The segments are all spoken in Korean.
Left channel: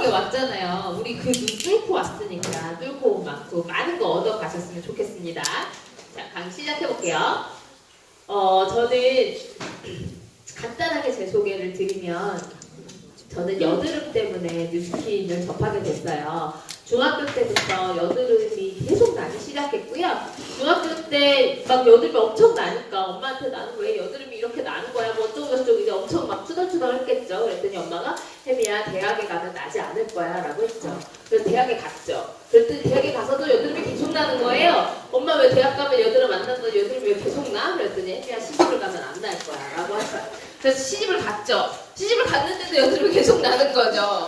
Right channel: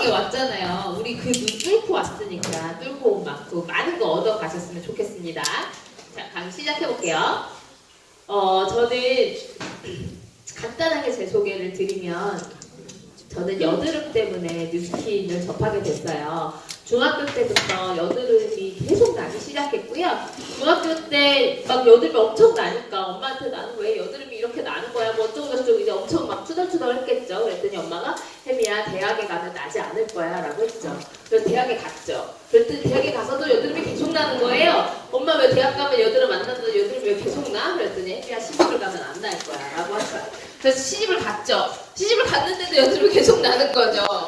건강하게 왔잖아요. 우리 그 눈 뚫고 왔으니까 뚫고 온 만큼 많은 거 얻어 가셨으면 좋겠습니다. 자, 그럼 시작해 볼게요. 저는 간단하게 제 소개를 드리면 저는 여드름 때문에 뉴스킨을 접하게 됐어요. 중학교 때부터 여드름이 계속 나기 시작했고요. 중학교 때 막 여드름이 엄청 나니까 엄마한테 나는 왜 여드름이 이렇게 나는 거야? 뭐 어쩌고저쩌고 이제 엄청 막 투덜투덜 했겠죠. 그랬더니 엄마가 혜미야 대학에 가면 나지 않을 거야 라고 했죠. 그래서 대학에 갔죠. 그랬더니 대학에 가서도 여드름이 계속 나는 거예요. 엄마 왜 대학 가면 여드름 안 나는데 여드름이 왜 계속 나? 그랬더니 혜미야 시집을 가면 안 날 거야 라고 했어요. 그래서 시집을 갔죠. 시집을 갔는데도 여드름이 계속 나는 거죠.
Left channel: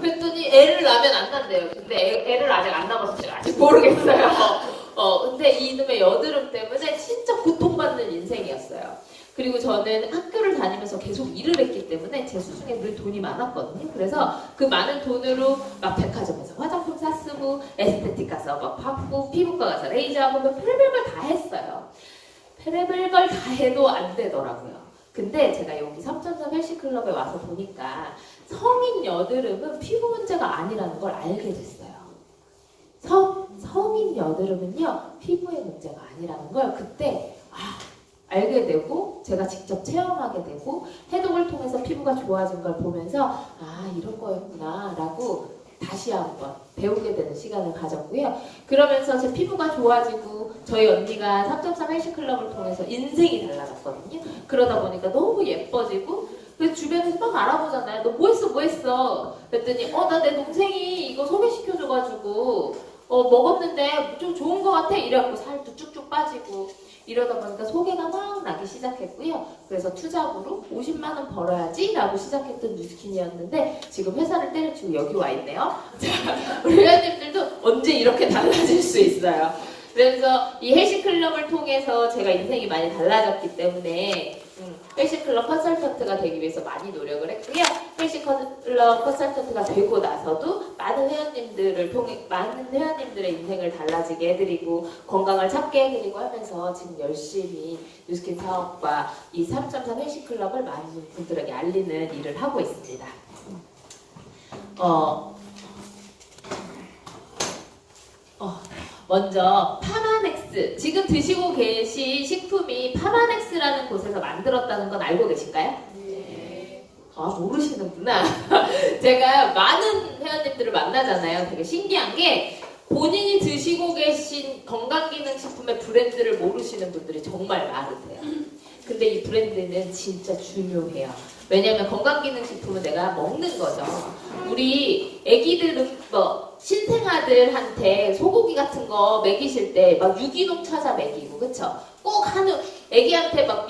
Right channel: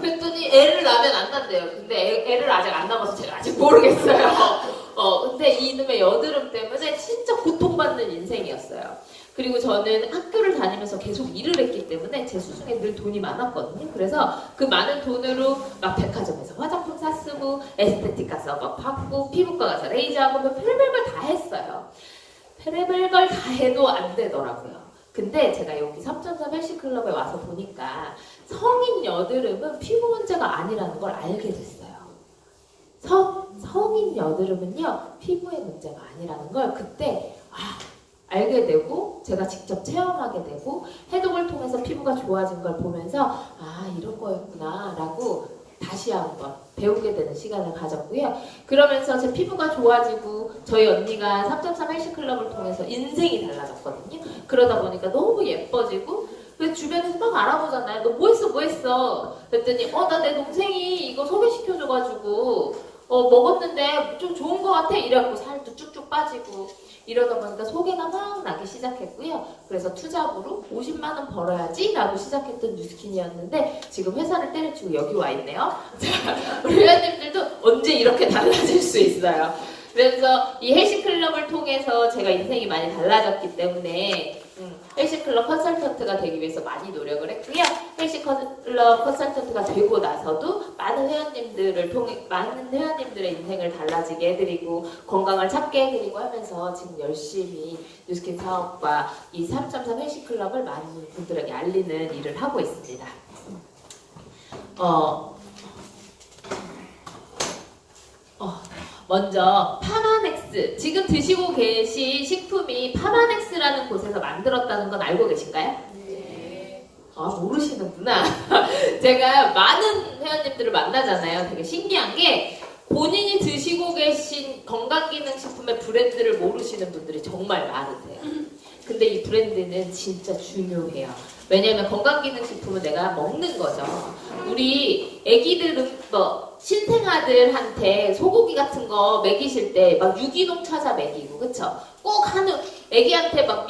그랬더니 애를 낳으면 안 난대요. 근데 애를 아직 안 낳아서 제가 아직 모르겠어요. 근데 이놈의 여드름 때문에 진짜 고통받는 인생이었어요. 그리고 저는 학교를 다니면서 계속 일을 했기 때문에 제 수중에 늘 돈이 많았거든요. 그래서 그 많은 돈으로 막 백화점에서 화장품 사쓰고 에스테틱 가서 막 받고 피부과 가서 레이저하고 별별 걸 다 했어요. 별별 걸 다 해도 안 되더라고요. 근데 제가 여기 3.3 헬스클럽에 와서 보니까 성인 여드름은 피부 문제가 아니라는 걸 알게 됐어요. 성인 여드름은요, 피부의 문제가 아니라는 걸 그때 알게 되고 제가 직접 체험하게 되고 해독을 통해서 피부가 좋아진 걸 보면서 이런 거였구나 라고 다시 한번 배우게 되는 시간을 가졌고요. 그러면서 제 피부가 좋아지고 저희 언니가 3.3 헬스클럽을 통해서 인생이 달라졌거든요. 그러다 보니까 너무 예뻐지고 그래서 주변에서 막 알아보잖아요. 너 뭐 했어? 그랬더니 나 내 동생이 이거 소개시켜줘가지고 먹었는데 좀 좋은 거 같아 이래갖고 살도 쭉쭉 빠지고 이러다 보니까 소개가 막 나기 시작했고요. 그래서 투잡으로 50만 원 벌어야지 라고 시작했던 뉴스킨이었는데 지금 회사를 때려치고 여기 와 있네요. 우리 회원님들도 언제 이렇게 달라질 수 있어요. 그래서 이 헬스클럽을 통해서 제가 인생이 많이 달라졌기 때문에 헬스클럽 컨설턴트가 되기 위해서 많이 노력을 했고요. 헬스클럽 컨설턴트가 되고 나서도 많은 회원님들의 인생을 달라지게 해드리고 건강을 찾게 해드리고 하면서 지금 열심히 뉴스킨 사업과 이 3.3 헬스클럽을 많은 분들에게 알리는 일을 하고 있습니다. 먼저 파마넥스, 지금 드시고 계신 식품이 파마넥스라는 곳에서 만들었다는 건 알고 계신가요? 네. 모르시는구나. 제가 많은 회원님들을 만나잖아요. 되게 신기한 게 본인이 드시고 계신 건강기능식품의 브랜드를 모르시는 분들이 정말 많으세요. 근데 이 브랜드는 진짜 중요해요. 왜냐하면 건강기능식품은 내가 먹는 거죠. 우리 애기들 신생아들한테 소고기 같은 거 먹이실 때 막 유기농 찾아 먹이고 그쵸? 꼭 애기한테 막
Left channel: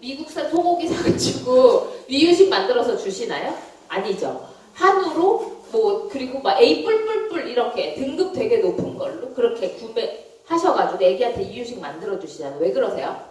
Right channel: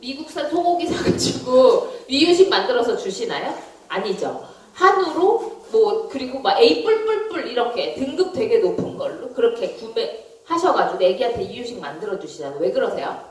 미국산 소고기 사가지고 미유식 만들어서 주시나요? 아니죠. 한우로 그리고 막 A 뿔뿔뿔 이렇게 등급 되게 높은 걸로 그렇게 구매하셔가지고 애기한테 이유식 만들어 주시잖아요. 왜 그러세요?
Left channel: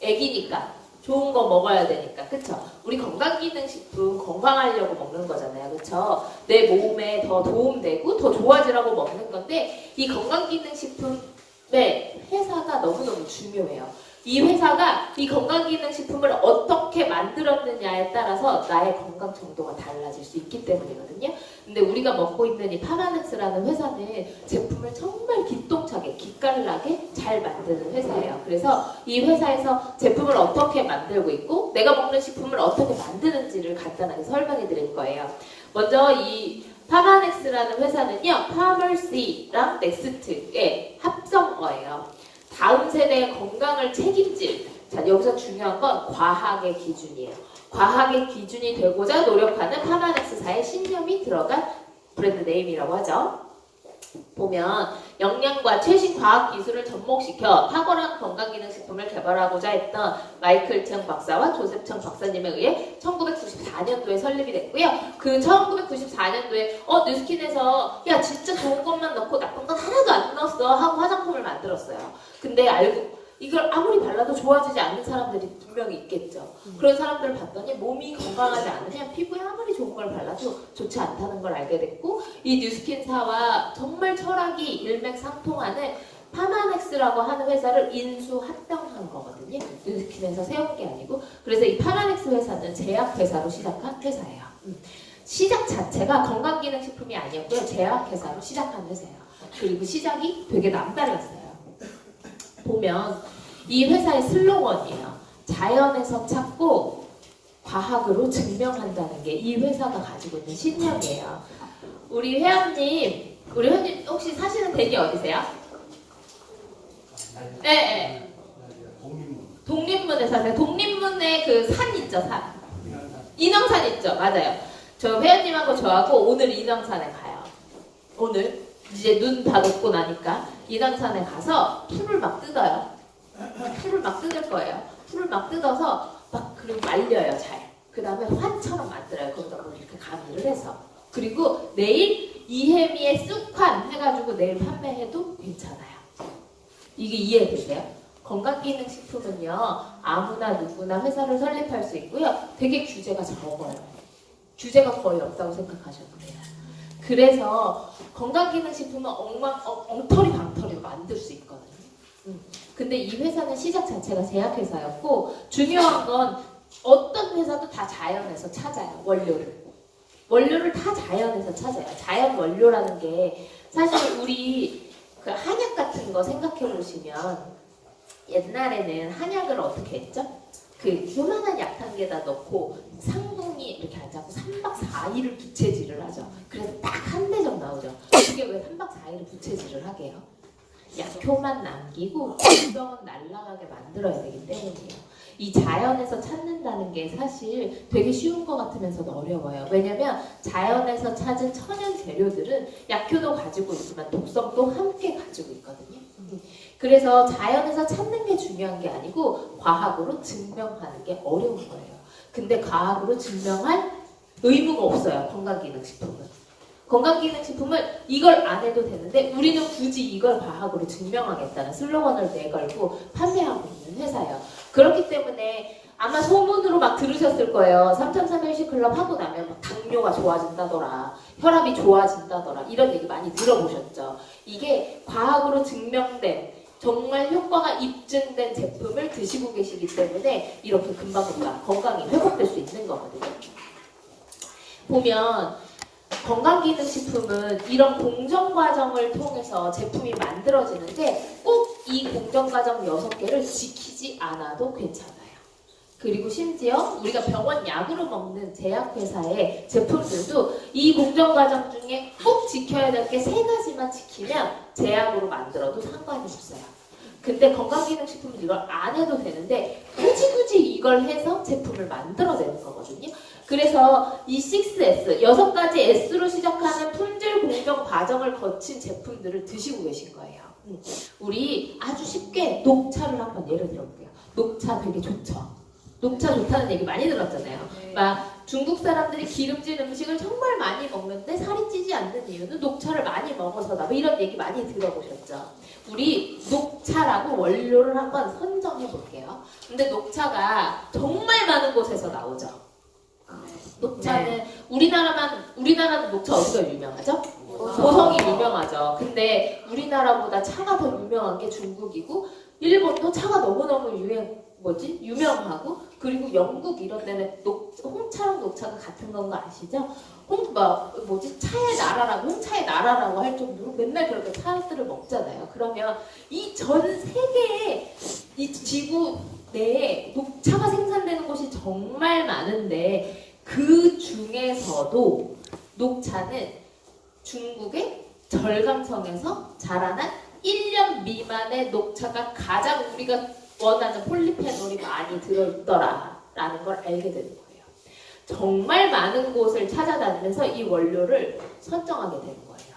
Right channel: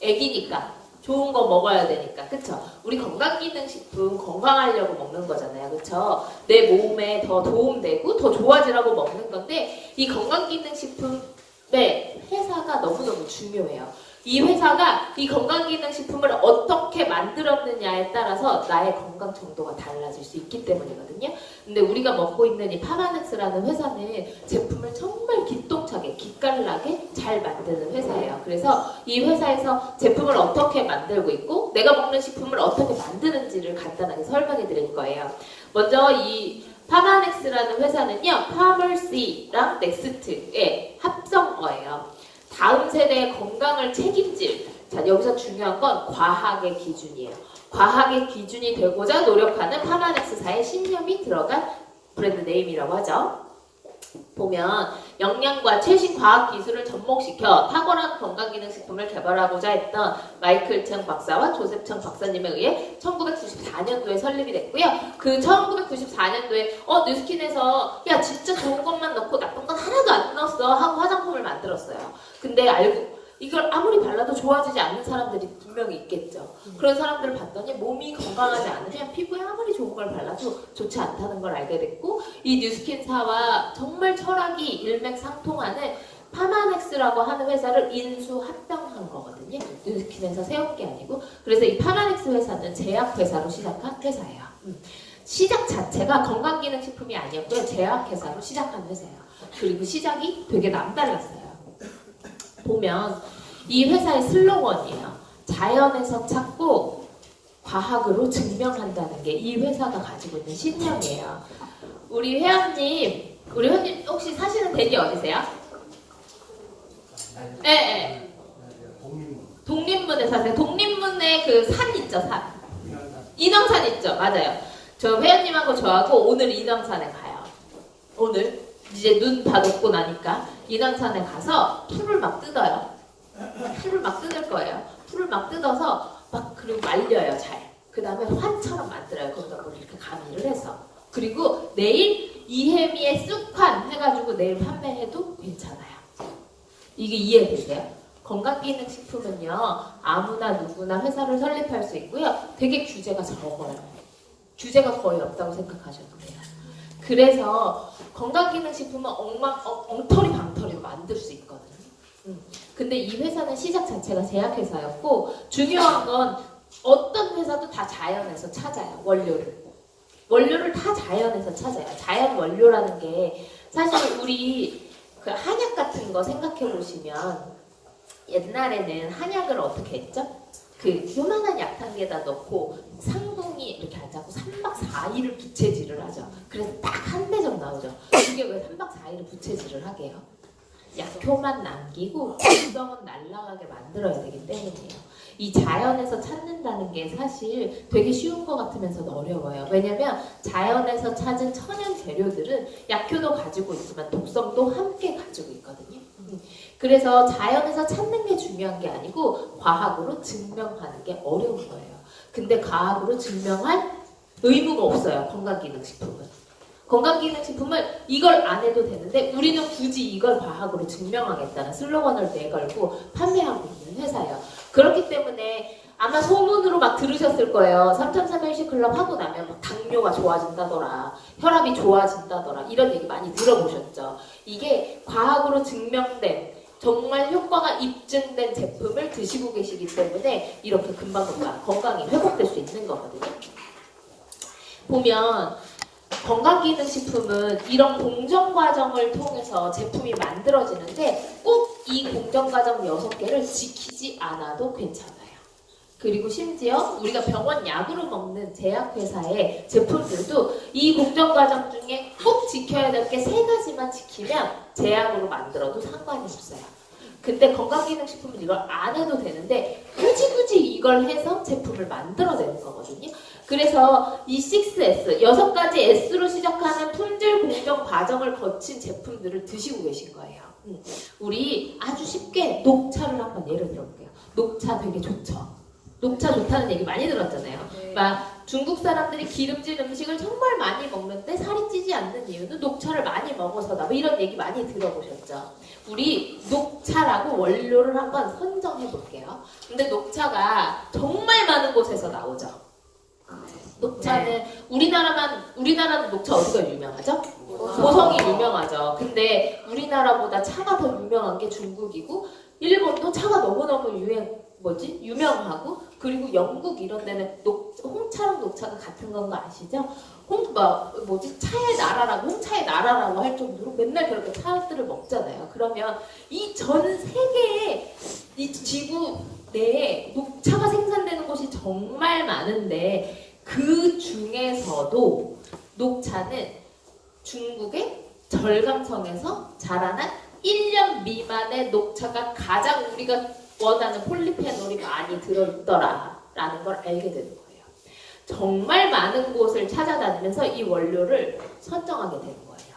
애기니까. 좋은 거 먹어야 되니까, 그쵸? 우리 건강기능식품 건강하려고 먹는 거잖아요, 그쵸? 내 몸에 더 도움되고 더 좋아지라고 먹는 건데 이 건강기능식품의 회사가 너무너무 중요해요. 이 회사가 이 건강기능식품을 어떻게 만들었느냐에 따라서 나의 건강 정도가 달라질 수 있기 때문이거든요. 근데 우리가 먹고 있는 이 파마넥스라는 회사는 제품을 정말 기똥차게, 기깔나게 잘 만드는 회사예요. 그래서 이 회사에서 제품을 어떻게 만들고 있고 내가 먹는 식품을 어떻게 만드는지를 간단하게 설명해 드릴 거예요. 먼저 이 파마넥스라는 회사는요, 파머시랑 넥스트의 합성어예요. 다음 세대의 건강을 책임질. 자, 여기서 중요한 건 과학의 기준이에요. 과학의 기준이 되고자 노력하는 파마넥스사의 신념이 들어간 브랜드 네임이라고 하죠. 보면 영양과 최신 과학 기술을 접목시켜 탁월한 건강기능식품을 개발하고자 했던 마이클 청 박사와 조셉 청 박사님에 의해 1994년도에 설립이 됐고요. 그 1994년도에 뉴스킨에서 야 진짜 좋은 것만 넣고 나쁜 건 하나도 안 넣었어 하고 화장품을 만들었어요. 근데 이걸 아무리 발라도 좋아지지 않는 사람들이 분명히 있겠죠. 그런 사람들을 봤더니 몸이 건강하지 않으면 피부에 아무리 좋은 걸 발라도 좋지 않다는 걸 알게 됐고 이 뉴스킨사와 정말 철학이 일맥상통하는 파마넥스라고 하는 회사를 인수합병한 거거든요. 뉴스킨에서 세운 게 아니고 그래서 이 파마넥스 회사는 제약회사로 시작한 회사예요. 시작 자체가 건강기능식품이 아니었고요. 제약회사로 시작한 회사예요. 그리고 시작이 되게 남달랐어요. 보면 이 회사의 슬로건이에요. 자연에서 찾고 과학으로 증명한다는 게 이 회사가 가지고 있는 신념이에요. 우리 회원님 혹시 사시는 댁이 어디세요? 네. 독립문에 사세요. 독립문에 그 산 있죠, 산. 인왕산 있죠, 맞아요. 저 회원님하고 저하고 오늘 인왕산에 가요. 오늘 이제 눈 다 녹고 나니까 인왕산에 가서 풀을 막 뜯어요. 풀을 막 뜯을 거예요. 풀을 막 뜯어서 막 그리고 말려요, 잘. 그 다음에 환처럼 만들어요. 거기다 뭐 이렇게 가미를 해서. 그리고 내일 이혜미의 쑥환 해가지고 내일 판매해도 괜찮아요. 이게 이해되세요? 건강기능식품은요, 아무나 누구나 회사를 설립할 수 있고요. 되게 규제가 적어요. 규제가 거의 없다고 생각하셔도 돼요. 그래서 건강기능식품은 엉터리 방터리 만들 수 있거든요. 근데 이 회사는 시작 자체가 제약회사였고, 중요한 건 어떤 회사도 다 자연에서 찾아요, 원료를. 원료를 다 자연에서 찾아요. 자연 원료라는 게 사실 우리 그 한약 같은 거 생각해 보시면 옛날에는 한약을 어떻게 했죠? 그 요만한 약탕기에다 넣고 상궁이 이렇게 앉아서 3박 4일을 부채질을 하죠. 그래서 딱 한 대적 나오죠. 그게 왜 3박 4일을 부채질을 하게 해요? 약효만 남기고 독성은 날아가게 만들어야 되기 때문이에요. 이 자연에서 찾는다는 게 사실 되게 쉬운 것 같으면서도 어려워요. 왜냐면 자연에서 찾은 천연 재료들은 약효도 가지고 있지만 독성도 함께 가지고 있거든요. 그래서 자연에서 찾는 게 중요한 게 아니고 과학으로 증명하는 게 어려운 거예요. 근데 과학으로 증명할 의무가 없어요. 건강기능식품은. 건강기능식품은 이걸 안 해도 되는데 우리는 굳이 이걸 과학으로 증명하겠다는 슬로건을 내걸고 판매하고 있는 회사예요. 그렇기 때문에 아마 소문으로 막 들으셨을 거예요. 3.3일식 클럽 하고 나면 뭐 당뇨가 좋아진다더라, 혈압이 좋아진다더라, 이런 얘기 많이 들어보셨죠. 이게 과학으로 증명된 정말 효과가 입증된 제품을 드시고 계시기 때문에 이렇게 금방금방 건강이 회복될 수 있는 거거든요. 보면 건강기능식품은 이런 공정과정을 통해서 제품이 만들어지는데 꼭 이 공정과정 6개를 지키지 않아도 괜찮아요. 그리고 심지어 우리가 병원 약으로 먹는 제약회사의 제품들도 이 공정과정 중에 꼭 지켜야 될 게 3가지만 지키면 제약으로 만들어도 상관이 없어요. 근데 건강기능식품은 이걸 안 해도 되는데 굳이 이걸 해서 제품을 만들어내는 거거든요. 그래서 이 6S, 6가지 S로 시작하는 품질 공정 과정을 거친 제품들을 드시고 계신 거예요. 우리 아주 쉽게 녹차를 한번 예를 들어볼게요. 녹차 되게 좋죠. 녹차 좋다는 얘기 많이 들었잖아요. 막 중국 사람들이 기름진 음식을 정말 많이 먹는데 살이 찌지 않는 이유는 녹차를 많이 먹어서다. 뭐 이런 얘기 많이 들어보셨죠. 우리 녹차라고 원료를 한번 선정해 볼게요. 근데 녹차가 정말 많은 곳에서 나오죠. 녹차는 우리나라는 녹차 어디가 유명하죠? 고성이 유명하죠. 근데 우리나라보다 차가 더 유명한 게 중국이고 일본도 차가 너무너무 유명하고 그리고 영국 이런 데는 홍차랑 녹차가 같은 건 거 아시죠? 차의 나라라고 홍차의 나라라고 할 정도로 맨날 그렇게 차들을 먹잖아요. 그러면 이 전 세계의 이 지구 내에 녹차가 생산되는 곳이 정말 많은데 그 중에서도 녹차는 중국의 절강성에서 자라난 1년 미만의 녹차가 가장 우리가 원하는 폴리페놀이 많이 들어있더라라는 걸 알게 되는 거예요. 정말 많은 곳을 찾아다니면서 이 원료를 선정하게 되는 거예요.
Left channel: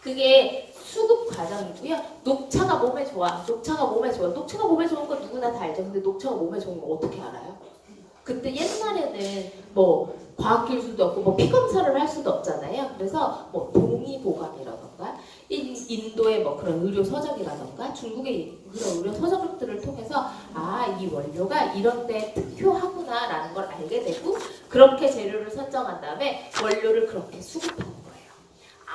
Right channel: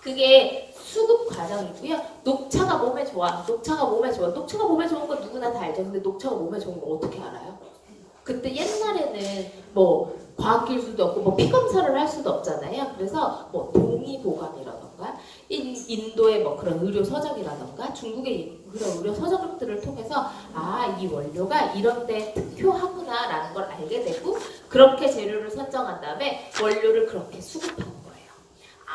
그게 수급 과정이고요. 녹차가 몸에 좋아. 녹차가 몸에 좋은 건 누구나 다 알죠. 근데 녹차가 몸에 좋은 거 어떻게 알아요? 그때 옛날에는 과학기술도 없고 피 검사를 할 수도 없잖아요. 그래서 동의보감이라던가 인도의 그런 의료 서적이라던가 중국의 그런 의료 서적들을 통해서 이 원료가 이런 데 특효하구나라는 걸 알게 되고 그렇게 재료를 선정한 다음에 원료를 그렇게 수급하는 거예요.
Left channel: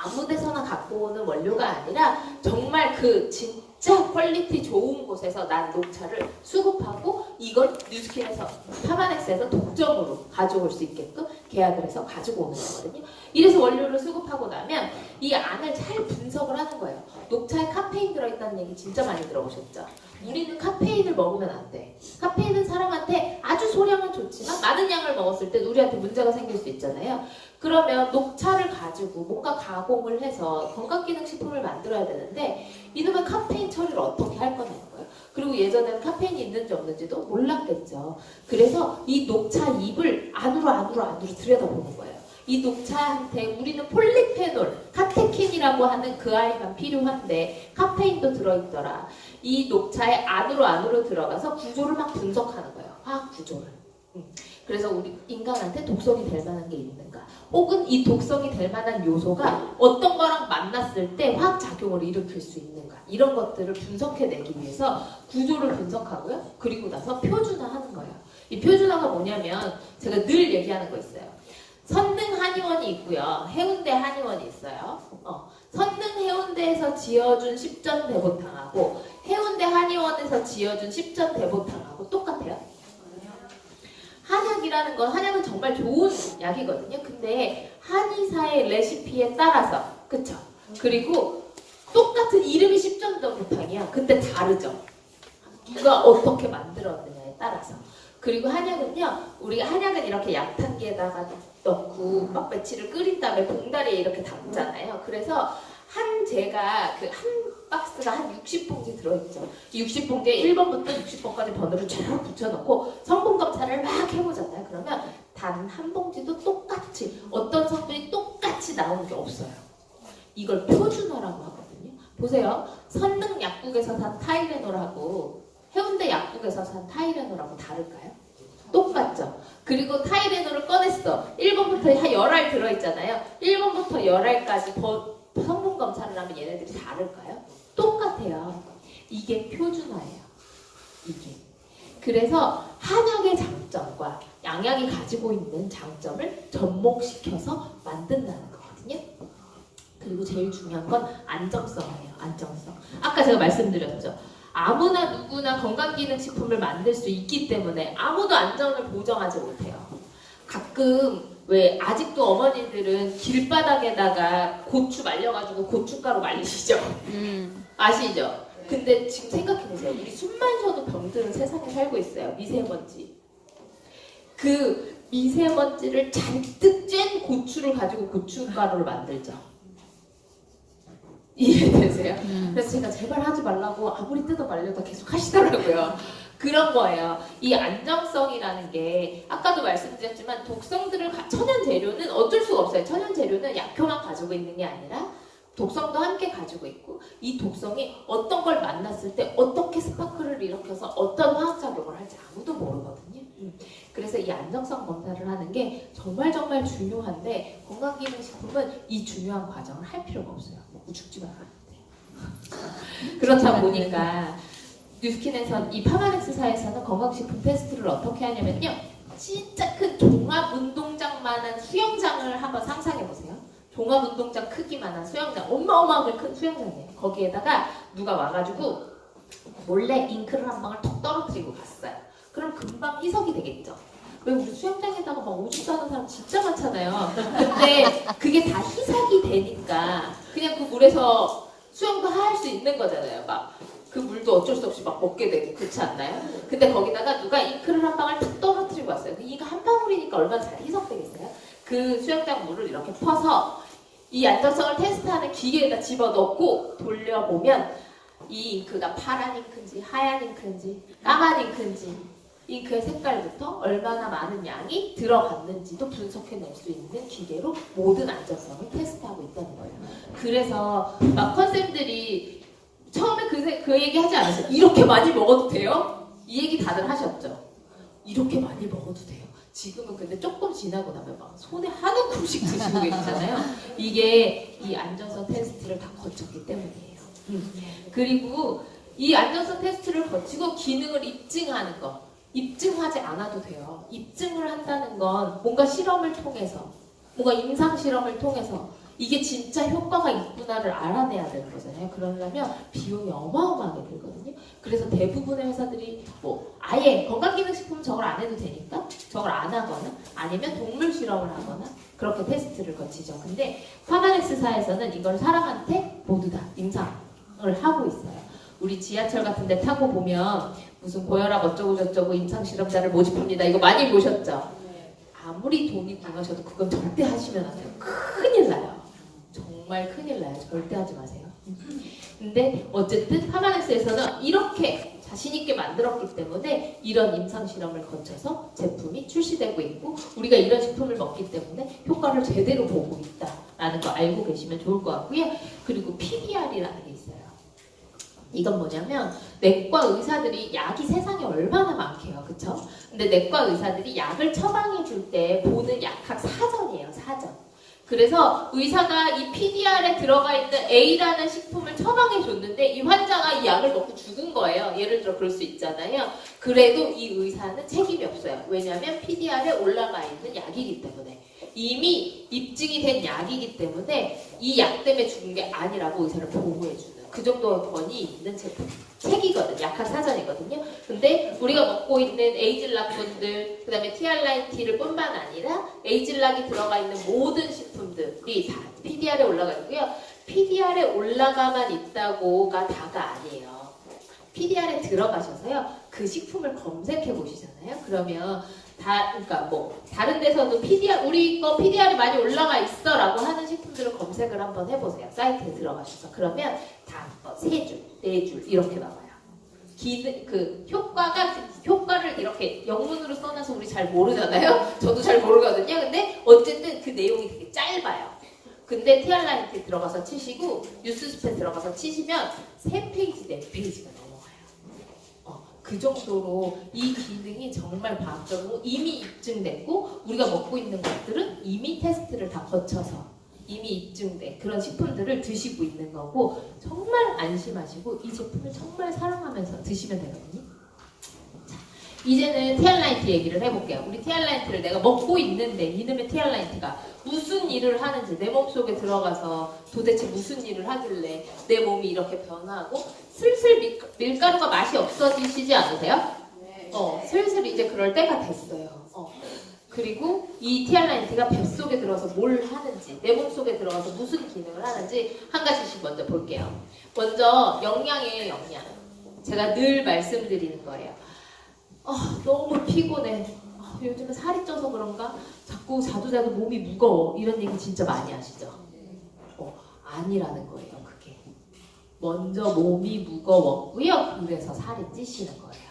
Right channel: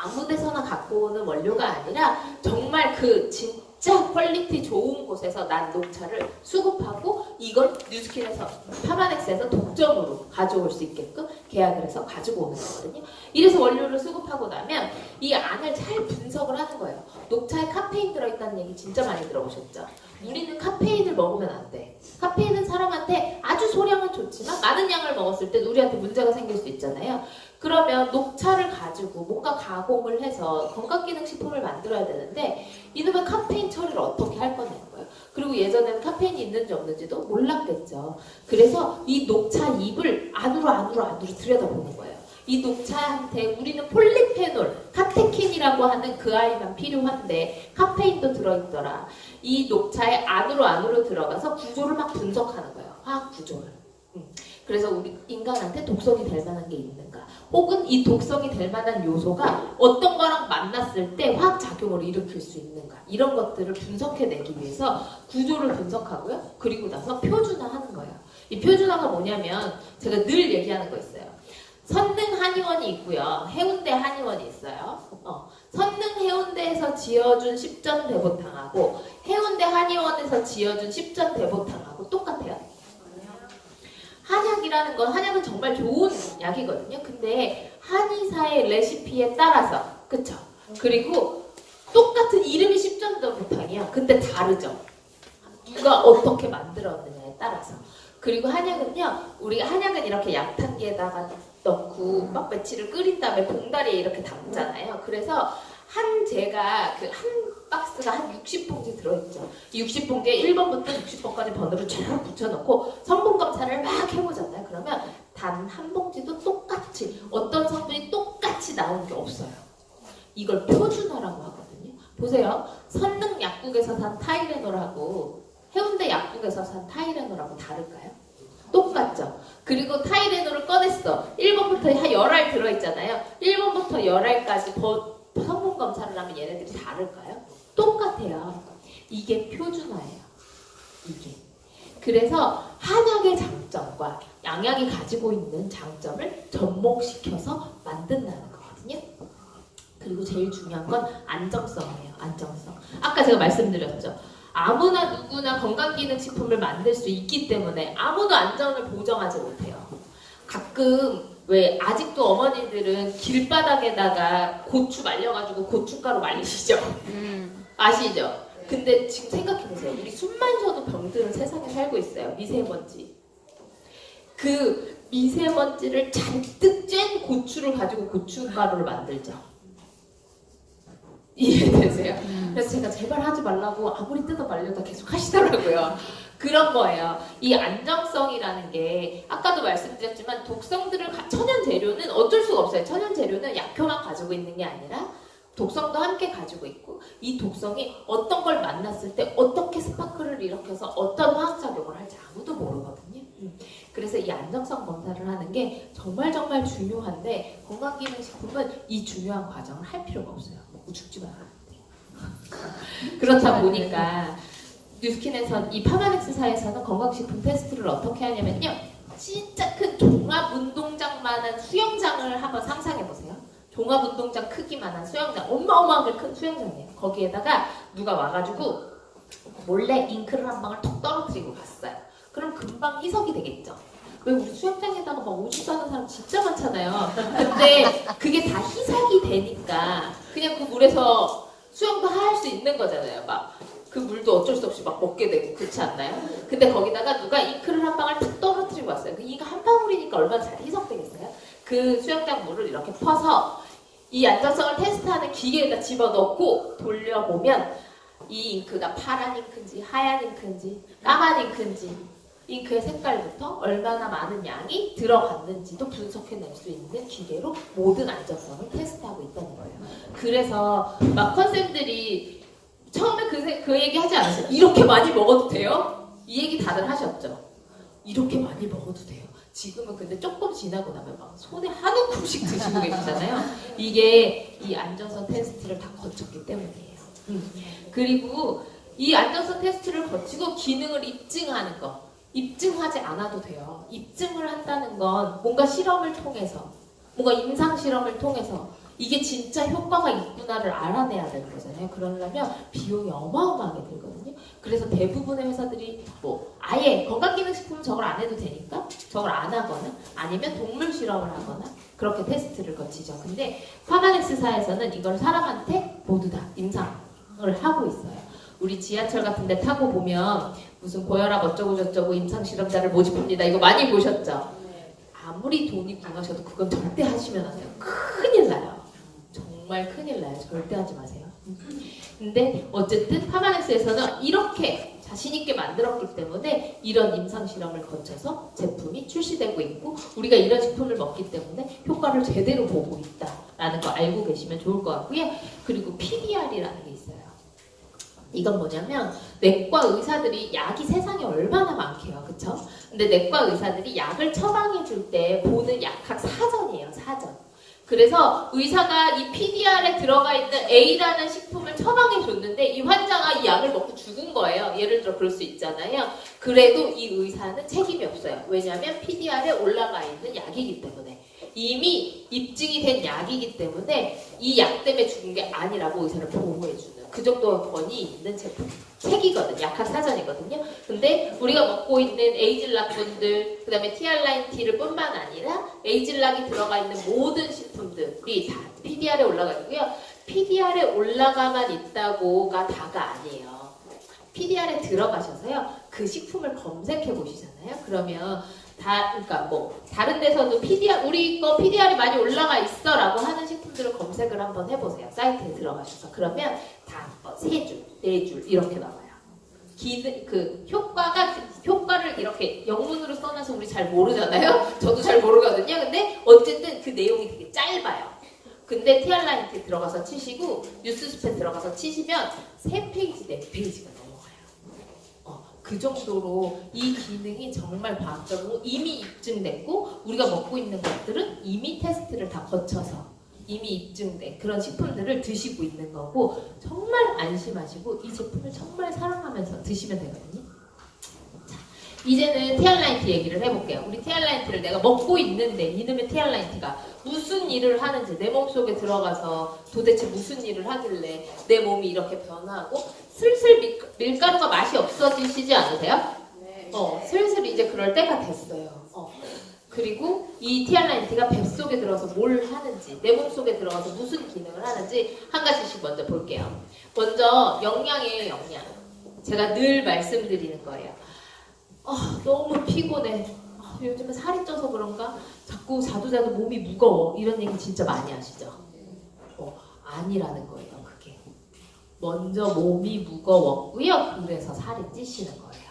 아무 데서나 갖고 오는 원료가 아니라 정말 그 진짜 퀄리티 좋은 곳에서 난 녹차를 수급하고 이걸 뉴스킨에서 파마넥스에서 독점으로 가져올 수 있게끔 계약을 해서 가지고 오는 거거든요. 이래서 원료를 수급하고 나면 이 안을 잘 분석을 하는 거예요. 녹차에 카페인 들어있다는 얘기 진짜 많이 들어보셨죠? 우리는 카페인을 먹으면 안 돼. 카페인은 사람한테 아주 소량은 좋지만 많은 양을 먹었을 때 우리한테 문제가 생길 수 있잖아요. 그러면 녹차를 가지고 뭔가 가공을 해서 건강기능식품을 만들어야 되는데 이놈의 카페인 처리를 어떻게 할 거냐는 거예요. 그리고 예전에는 카페인이 있는지 없는지도 몰랐겠죠. 그래서 이 녹차 잎을 안으로 들여다보는 거예요. 이 녹차한테 우리는 폴리페놀, 카테킨이라고 하는 그 아이만 필요한데 카페인도 들어있더라. 이 녹차의 안으로 들어가서 구조를 막 분석하는 거예요. 화학 구조를. 그래서 우리 인간한테 독성이 될 만한 게 있는가, 혹은 이 독성이 될 만한 요소가 어떤 거랑 만났을 때 화학작용을 일으킬 수 있는가, 이런 것들을 분석해내기 위해서 구조를 분석하고요. 그리고 나서 표준화하는 거예요. 이 표준화가 뭐냐면 제가 늘 얘기하는 거 있어요. 선릉 한의원이 있고요. 해운대 한의원이 있어요. 선릉 해운대에서 지어준 십전 대보탕하고 해운대 한의원에서 지어준 십전 대보탕하고 똑같아요. 한약이라는 건, 한약은 정말 좋은 약이거든요. 근데 한의사의 레시피에 따라서, 그쵸? 그리고 똑같은 이름이 십전대보탕이야. 근데 다르죠. 누가 어떻게 만들었느냐에 따라서. 그리고 한약은요, 우리 한약은 이렇게 약탕기에다가 넣고 막 며칠을 끓인 다음에 봉다리에 이렇게 담잖아요. 그래서 제가 그 한 박스가 한 60봉지 들어있죠. 이 60봉지에 1번부터 60번까지 번호를 쫙 붙여놓고 성분 검사를 막 해보잖아요. 그러면 단 한 봉지도 똑같이, 어떤 성분이 똑같이 나오는 게 없어요. 이걸 표준화라고 하거든요. 보세요. 선릉 약국에서 산 타이레놀하고 해운대 약국에서 산 타이레놀하고 다를까요? 똑같죠. 그리고 타이레놀을 꺼냈어. 1번부터 한 10알 들어있잖아요. 1번부터 10알까지 성분 검사를 하면 얘네들이 다를까요? 똑같아요. 이게 표준화예요. 이게. 그래서 한약의 장점과 양약이 가지고 있는 장점을 접목시켜서 만든다는 거거든요. 그리고 제일 중요한 건 안정성이에요. 안정성. 아까 제가 말씀드렸죠. 아무나 누구나 건강기능식품을 만들 수 있기 때문에 아무도 안전을 보장하지 못해요. 가끔 왜 아직도 어머니들은 길바닥에다가 고추 말려가지고 고춧가루 말리시죠? 아시죠? 근데 지금 생각해보세요. 우리 숨만 쉬어도 병드는 세상에 살고 있어요. 미세먼지. 그 미세먼지를 잔뜩 쬐는 고추를 가지고 고춧가루를 만들죠. 이해되세요? 그래서 제가 제발 하지 말라고 아무리 뜯어 말려도 계속 하시더라고요. 그런 거예요. 이 안정성이라는 게 아까도 말씀드렸지만 독성들을 천연 재료는 어쩔 수가 없어요. 천연 재료는 약효만 가지고 있는 게 아니라 독성도 함께 가지고 있고, 이 독성이 어떤 걸 만났을 때 어떻게 스파크를 일으켜서 어떤 화학작용을 할지 아무도 모르거든요. 그래서 이 안정성 검사를 하는 게 정말 중요한데 건강기능식품은 이 중요한 과정을 할 필요가 없어요. 먹고 죽지 말아야 돼요. 그렇다 보니까 뉴스킨에서 이 파마넥스사에서는 건강식품 테스트를 어떻게 하냐면요. 진짜 큰 종합운동장만한 수영장을 한번 상상해보세요. 종합운동장 크기만한 수영장, 어마어마하게 큰 수영장이에요. 거기에다가 누가 와가지고 몰래 잉크를 한 방울 톡 떨어뜨리고 갔어요. 그럼 금방 희석이 되겠죠. 왜 우리 수영장에다가 막 오줌 싸는 사람 진짜 많잖아요. 근데 그게 다 희석이 되니까 그냥 그 물에서 수영도 할 수 있는 거잖아요. 막 그 물도 어쩔 수 없이 막 먹게 되고, 그렇지 않나요? 근데 거기다가 누가 잉크를 한 방울 탁 떨어뜨리고 왔어요. 그 잉크 한 방울이니까 얼마나 잘 희석되겠어요? 그 수영장 물을 이렇게 퍼서 이 안정성을 테스트하는 기계에다 집어넣고 돌려보면 이 잉크가 파란 잉크인지 하얀 잉크인지 까만 잉크인지 잉크의 색깔부터 얼마나 많은 양이 들어갔는지도 분석해낼 수 있는 기계로 모든 안정성을 테스트하고 있다는 거예요. 그래서 막 컨셉들이 처음에 그 얘기 하지 않으세요? 이렇게 많이 먹어도 돼요? 이 얘기 다들 하셨죠? 이렇게 많이 먹어도 돼요. 지금은 근데 조금 지나고 나면 막 손에 한 움큼씩 드시고 계시잖아요. 이게 이 안정성 테스트를 다 거쳤기 때문이에요. 그리고 이 안정성 테스트를 거치고 기능을 입증하는 거. 입증하지 않아도 돼요. 입증을 한다는 건 뭔가 실험을 통해서, 뭔가 임상 실험을 통해서 이게 진짜 효과가 있구나를 알아내야 되는 거잖아요. 그러려면 비용이 어마어마하게 들거든요. 그래서 대부분의 회사들이 뭐 아예 건강기능식품 저걸 안 해도 되니까 저걸 안 하거나 아니면 동물 실험을 하거나 그렇게 테스트를 거치죠. 근데 파마넥스사에서는 이걸 사람한테 모두 다 임상을 하고 있어요. 우리 지하철 같은 데 타고 보면 무슨 고혈압 어쩌고 저쩌고 임상실험자를 모집합니다. 이거 많이 보셨죠? 아무리 돈이 궁하셔도 그건 절대 하시면 안 돼요. 큰일 나요. 정말 큰일 나요. 절대 하지 마세요. 근데 어쨌든 파마넥스에서는 이렇게 자신있게 만들었기 때문에 이런 임상실험을 거쳐서 제품이 출시되고 있고 우리가 이런 제품을 먹기 때문에 효과를 제대로 보고 있다라는 거 알고 계시면 좋을 것 같고요. 그리고 PDR이라는 게 있어요. 이건 뭐냐면 내과 의사들이 약이 세상에 얼마나 많게요. 그쵸? 근데 내과 의사들이 약을 처방해 줄 때 보는 약학 사전이에요. 사전. 그래서 의사가 이 PDR에 들어가 있는 A라는 식품을 처방해 줬는데 이 환자가 이 약을 먹고 죽은 거예요. 예를 들어 그럴 수 있잖아요. 그래도 이 의사는 책임이 없어요. 왜냐하면 PDR에 올라가 있는 약이기 때문에. 이미 입증이 된 약이기 때문에 이 약 때문에 죽은 게 아니라고 의사를 보호해주는 그 정도 권위 있는 제품 책이거든요. 약학 사전이거든요. 근데 우리가 먹고 있는 에이즐락분들 그 다음에 티알라인티를 뿐만 아니라 에이즐락이 들어가 있는 모든 식품들이 다 PDR에 올라가 있고요. PDR에 올라가만 있다고가 다가 아니에요. PDR에 들어가셔서요. 그 식품을 검색해 보시잖아요. 그러면 그러니까 뭐 다른 데서도 우리 거 PDR이 많이 올라가 있어라고 하는 식품들을 검색을 한번 해보세요. 사이트에 들어가셔서 그러면 다 3줄, 4줄 이렇게 나와요. 효과를 이렇게 영문으로 써놔서 우리 잘 모르잖아요. 저도 잘 모르거든요. 근데 어쨌든 그 내용이 되게 짧아요. 근데 티알라인트 들어가서 치시고 뉴스스페 들어가서 치시면 3페이지, 4페이지가 넘어가요. 그 정도로 이 기능이 정말 과학적으로 이미 입증됐고 우리가 먹고 있는 것들은 이미 테스트를 다 거쳐서 이미 입증된 그런 식품들을 드시고 있는 거고 정말 안심하시고 이 제품을 정말 사랑하면서 드시면 되거든요. 자, 이제는 티알라인트 얘기를 해볼게요. 우리 티알라인트를 내가 먹고 있는데 이놈의 티알라인트가 무슨 일을 하는지 내 몸속에 들어가서 도대체 무슨 일을 하길래 내 몸이 이렇게 변화하고 슬슬 밀가루가 맛이 없어지시지 않으세요? 네. 슬슬 이제 그럴 때가 됐어요. 그리고 이 티알라인트가 뱃속에 들어가서 뭘 하는지 내 몸속에 들어가서 무슨 기능을 하는지 한 가지씩 먼저 볼게요. 먼저 영양이에요. 영양. 제가 늘 말씀드리는 거예요. 너무 피곤해. 요즘에 살이 쪄서 그런가? 자꾸 자도 몸이 무거워. 이런 얘기 진짜 많이 하시죠? 아니라는 거예요. 그게. 먼저 몸이 무거웠고요. 그래서 살이 찌시는 거예요.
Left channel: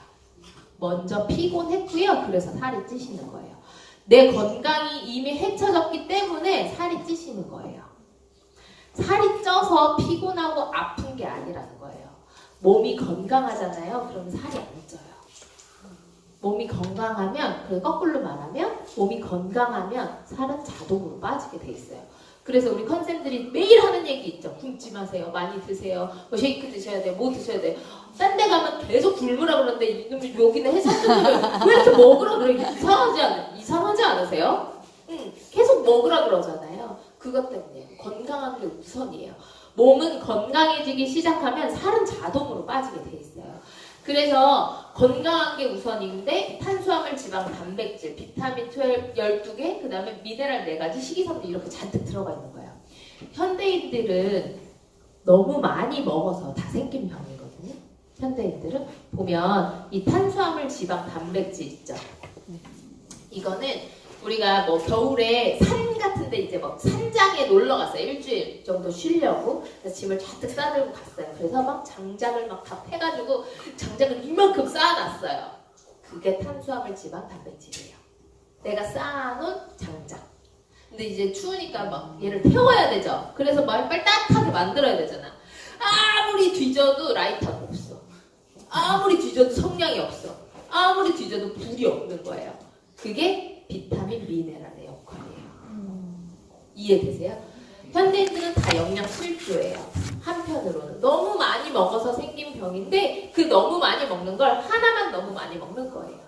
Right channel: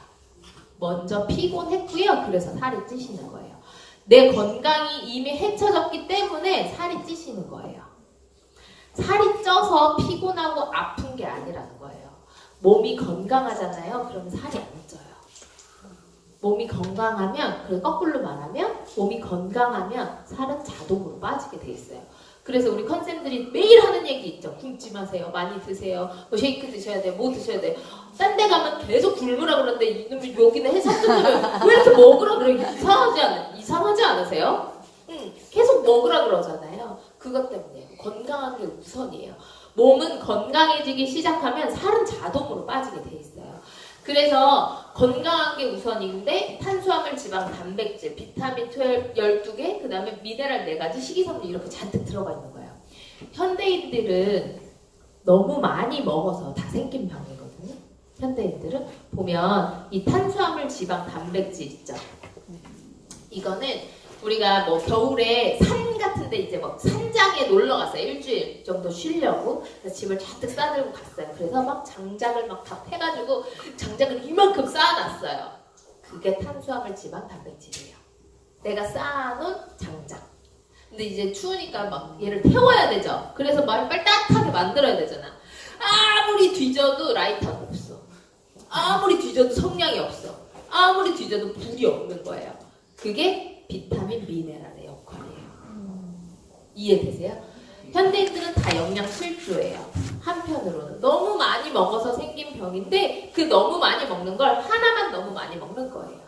먼저 피곤했고요. 그래서 살이 찌시는 거예요. 내 건강이 이미 헤쳐졌기 때문에 살이 찌시는 거예요. 살이 쪄서 피곤하고 아픈 게 아니라는 거예요. 몸이 건강하잖아요. 그러면 살이 안 쪄요. 몸이 건강하면, 그리고 거꾸로 말하면 몸이 건강하면 살은 자동으로 빠지게 돼 있어요. 그래서 우리 컨쌤들이 매일 하는 얘기 있죠. 굶지 마세요. 많이 드세요. 쉐이크 드셔야 돼요. 뭐 드셔야 돼요. 딴 데 가면 계속 굶으라 그러는데 이놈이 여기는 해산물을 왜 이렇게 먹으라 그래? 이상하지 않으세요? 계속 먹으라 그러잖아요. 그것 때문에 건강한 게 우선이에요. 몸은 건강해지기 시작하면 살은 자동으로 빠지게 돼 있어요. 그래서 건강한 게 우선인데 탄수화물, 지방, 단백질, 비타민 12개, 그 다음에 미네랄 4가지, 식이섬유 이렇게 잔뜩 들어가 있는 거예요. 현대인들은 너무 많이 먹어서 다 생긴 병이거든요. 현대인들은 보면 이 탄수화물, 지방, 단백질 있죠. 이거는 우리가 뭐 겨울에 산 같은 데 이제 뭐 산장에 놀러 갔어요. 일주일 정도 쉬려고. 그래서 짐을 잔뜩 싸들고 갔어요. 그래서 막 장작을 막 다 패가지고 장작을 이만큼 쌓아놨어요. 그게 탄수화물, 지방, 단백질이에요. 내가 쌓아놓은 장작. 근데 이제 추우니까 막 얘를 태워야 되죠. 그래서 막 빨리 따뜻하게 만들어야 되잖아. 아무리 뒤져도 라이터가 없어. 아무리 뒤져도 성냥이 없어. 아무리 뒤져도 불이 없는 거예요. 그게 비타민, 미네랄의 역할이에요. 이해되세요? 현대인들은 다 영양 실조예요. 한편으로는 너무 많이 먹어서 생긴 병인데 그 너무 많이 먹는 걸 하나만 너무 많이 먹는 거예요.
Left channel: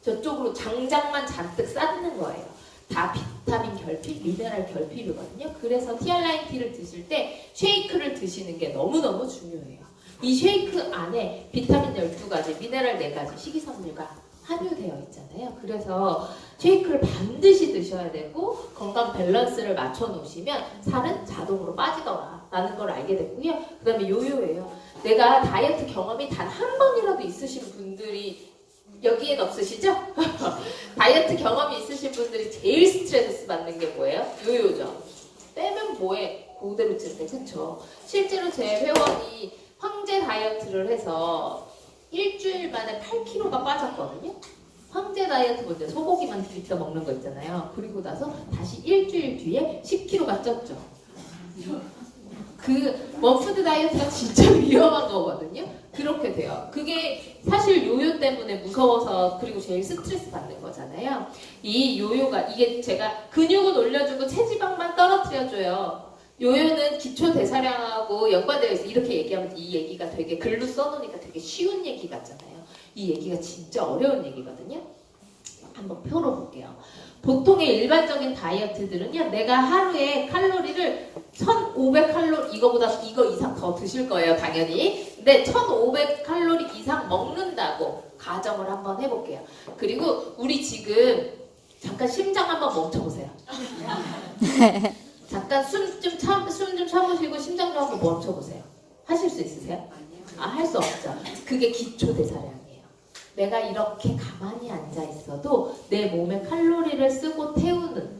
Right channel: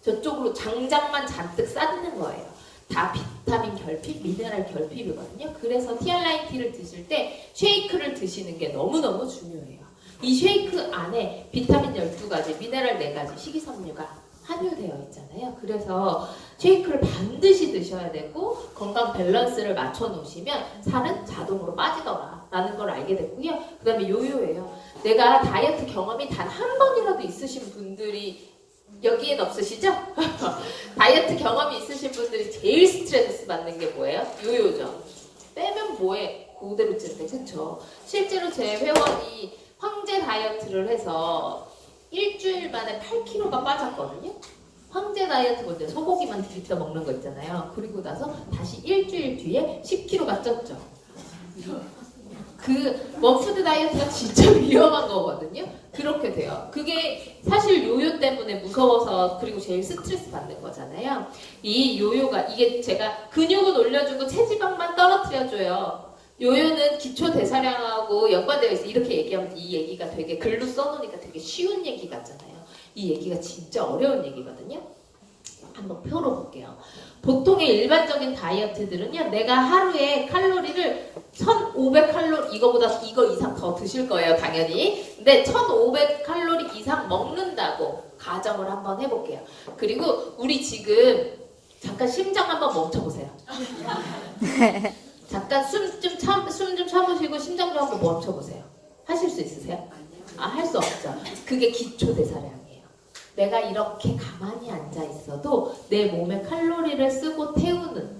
저쪽으로 장작만 잔뜩 쌓는 거예요. 다 비타민 결핍, 미네랄 결핍이거든요. 그래서 티알라인티를 드실 때 쉐이크를 드시는 게 너무너무 중요해요. 이 쉐이크 안에 비타민 12가지, 미네랄 4가지, 식이섬유가 함유되어 있잖아요. 그래서 쉐이크를 반드시 드셔야 되고 건강 밸런스를 맞춰 놓으시면 살은 자동으로 빠지더라 라는 걸 알게 됐고요. 그 다음에 요요예요. 내가 다이어트 경험이 단 한 번이라도 있으신 분들이 여기엔 없으시죠? 다이어트 경험이 있으신 분들이 제일 스트레스 받는 게 뭐예요? 요요죠. 빼면 뭐해? 그대로 찌는데, 그쵸? 실제로 제 회원이 황제 다이어트를 해서 일주일 만에 8kg가 빠졌거든요? 황제 다이어트 뭔데? 소고기만 디립다 먹는 거 있잖아요. 그리고 나서 다시 일주일 뒤에 10kg가 쪘죠. 그 원푸드 다이어트가 진짜 위험한 거거든요. 그렇게 돼요. 그게 사실 요요 때문에 무서워서 그리고 제일 스트레스 받는 거잖아요. 이 요요가 이게 제가 근육은 올려주고 체지방만 떨어뜨려줘요. 요요는 기초 대사량하고 연관되어 있어. 이렇게 얘기하면 이 얘기가 되게 글로 써놓으니까 되게 쉬운 얘기 같잖아요. 이 얘기가 진짜 어려운 얘기거든요. 한번 펴놓을게요. 보통의 일반적인 다이어트들은요, 내가 하루에 칼로리를 1500칼로리, 이거 이상 더 드실 거예요, 당연히. 근데 1500칼로리 이상 먹는다고 가정을 한번 해볼게요. 그리고 우리 지금 잠깐 심장 한번 멈춰보세요. 잠깐 숨 좀 참으시고 심장 좀 한번 멈춰보세요. 하실 수 있으세요? 할 수 없죠. 그게 기초 대사량이에요. 내가 이렇게 가만히 앉아 있어도 내 몸에 칼로리를 쓰고 태우는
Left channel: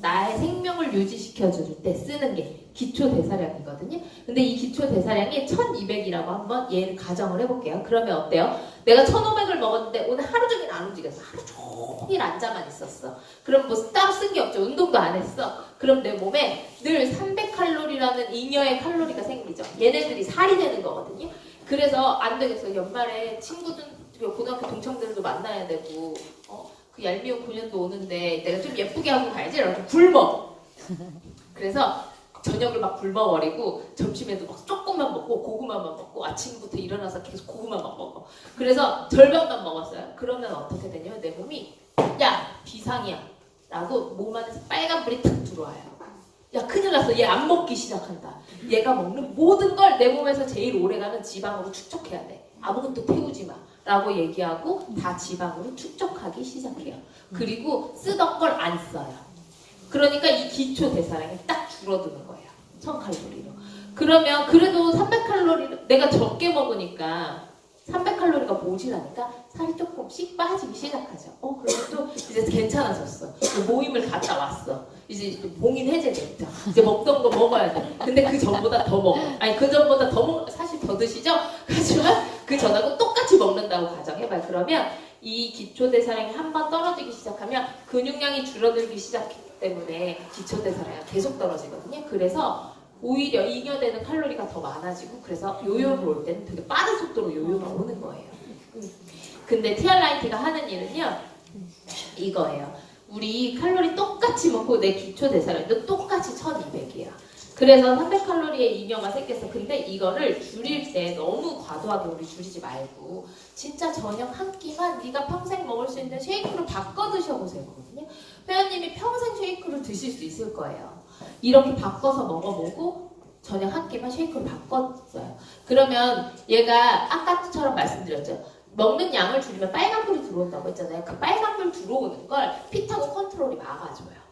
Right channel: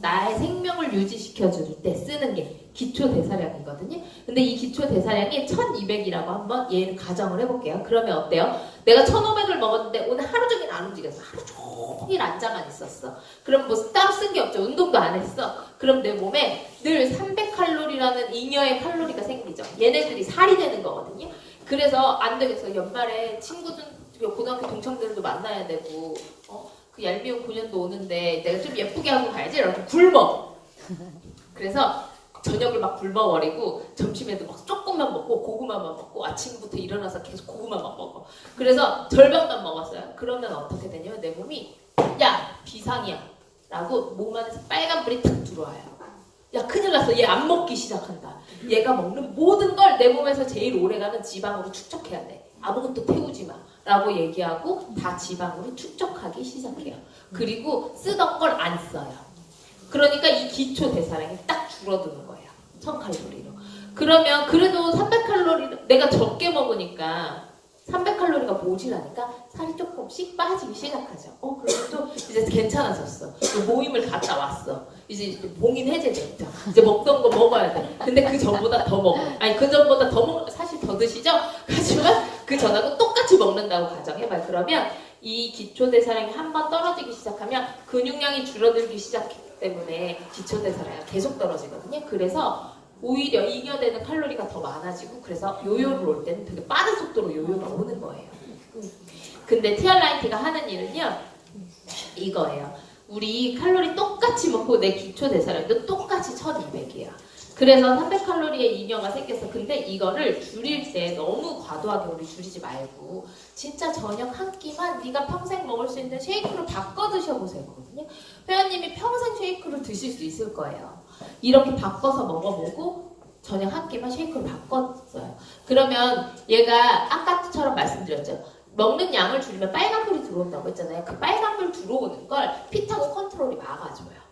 나의 생명을 유지시켜줄 때 쓰는 게 기초 대사량이거든요. 근데 이 기초 대사량이 1200이라고 한번 얘를 가정을 해볼게요. 그러면 어때요? 내가 1500을 먹었는데 오늘 하루 종일 안 움직였어. 하루 종일 앉아만 있었어. 그럼 뭐 따로 쓴 게 없죠. 운동도 안 했어. 그럼 내 몸에 늘 300칼로리라는 잉여의 칼로리가 생기죠. 얘네들이 살이 되는 거거든요. 그래서 안 되겠어. 연말에 친구들, 고등학교 동창들도 만나야 되고, 그 얄미운 고년도 오는데 내가 좀 예쁘게 하고 가야지. 이러고 굶어. 그래서 저녁에 막 굶어버리고 점심에도 막 조금만 먹고 고구마만 먹고 아침부터 일어나서 계속 고구마만 먹어. 그래서 절반만 먹었어요. 그러면 어떻게 되냐면 내 몸이 야 비상이야 라고 몸 안에서 빨간불이 탁 들어와요. 야 큰일 났어. 얘 안 먹기 시작한다. 얘가 먹는 모든 걸 내 몸에서 제일 오래가는 지방으로 축적해야 돼. 아무것도 태우지 마 라고 얘기하고 다 지방으로 축적하기 시작해요. 그리고 쓰던 걸 안 써요. 그러니까 이 기초 대사량이 딱 줄어드는 거예요. 1000칼로리로. 그러면 그래도 300칼로리 내가 적게 먹으니까 300칼로리가 모자라니까 살이 조금씩 빠지기 시작하죠. 그래서 좀 이제 괜찮아졌어. 모임을 갔다 왔어. 이제 봉인 해제됐죠. 이제 먹던 거 먹어야 돼. 근데 그 전보다 더 먹어. 아니 그 전보다 더 먹, 사실 더 드시죠? 하지만 그 전하고 똑같이 먹는다고 가정해봐요. 그러면 이 기초대사량이 한번 떨어지기 시작하면 근육량이 줄어들기 시작하기 때문에 기초대사량이 계속 떨어지거든요. 그래서 오히려 잉여되는 칼로리가 더 많아지고 그래서 요요를 올 때는 되게 빠른 속도로 요요가 오는 거예요. 근데 티알라이티가 하는 일은요 이거예요. 우리 칼로리 똑같이 먹고 내 기초 대사량도 똑같이 1200이에요. 그래서 300칼로리의 잉여가 생겼어. 근데 이거를 줄일 때 너무 과도하게 우리 줄이지 말고 진짜 저녁 한 끼만 네가 평생 먹을 수 있는 쉐이크로 바꿔 드셔보세요. 회원님이 평생 쉐이크를 드실 수 있을 거예요. 이렇게 바꿔서 먹어보고 저녁 한 끼만 쉐이크로 바꿨어요. 그러면 얘가 아까처럼 말씀드렸죠. 먹는 양을 줄이면 빨간불이 들어온다고 했잖아요. 그 빨간불 들어오는 걸 피타고 컨트롤이 막아줘요.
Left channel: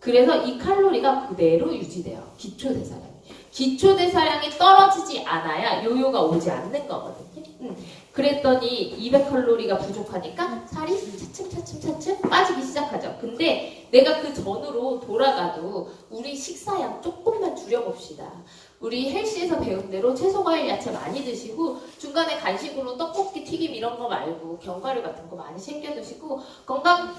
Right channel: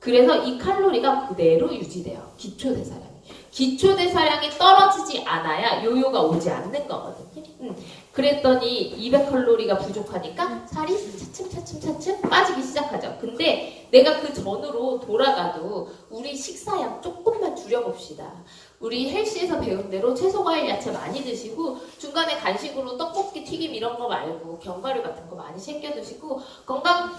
그래서 이 칼로리가 그대로 유지돼요. 기초대사량이. 기초대사량이 떨어지지 않아야 요요가 오지 않는 거거든요. 그랬더니 200칼로리가 부족하니까 살이 차츰 빠지기 시작하죠. 근데 내가 그 전으로 돌아가도 우리 식사량 조금만 줄여봅시다. 우리 헬스에서 배운 대로 채소, 과일, 야채 많이 드시고 중간에 간식으로 떡볶이, 튀김 이런 거 말고 견과류 같은 거 많이 챙겨 드시고 건강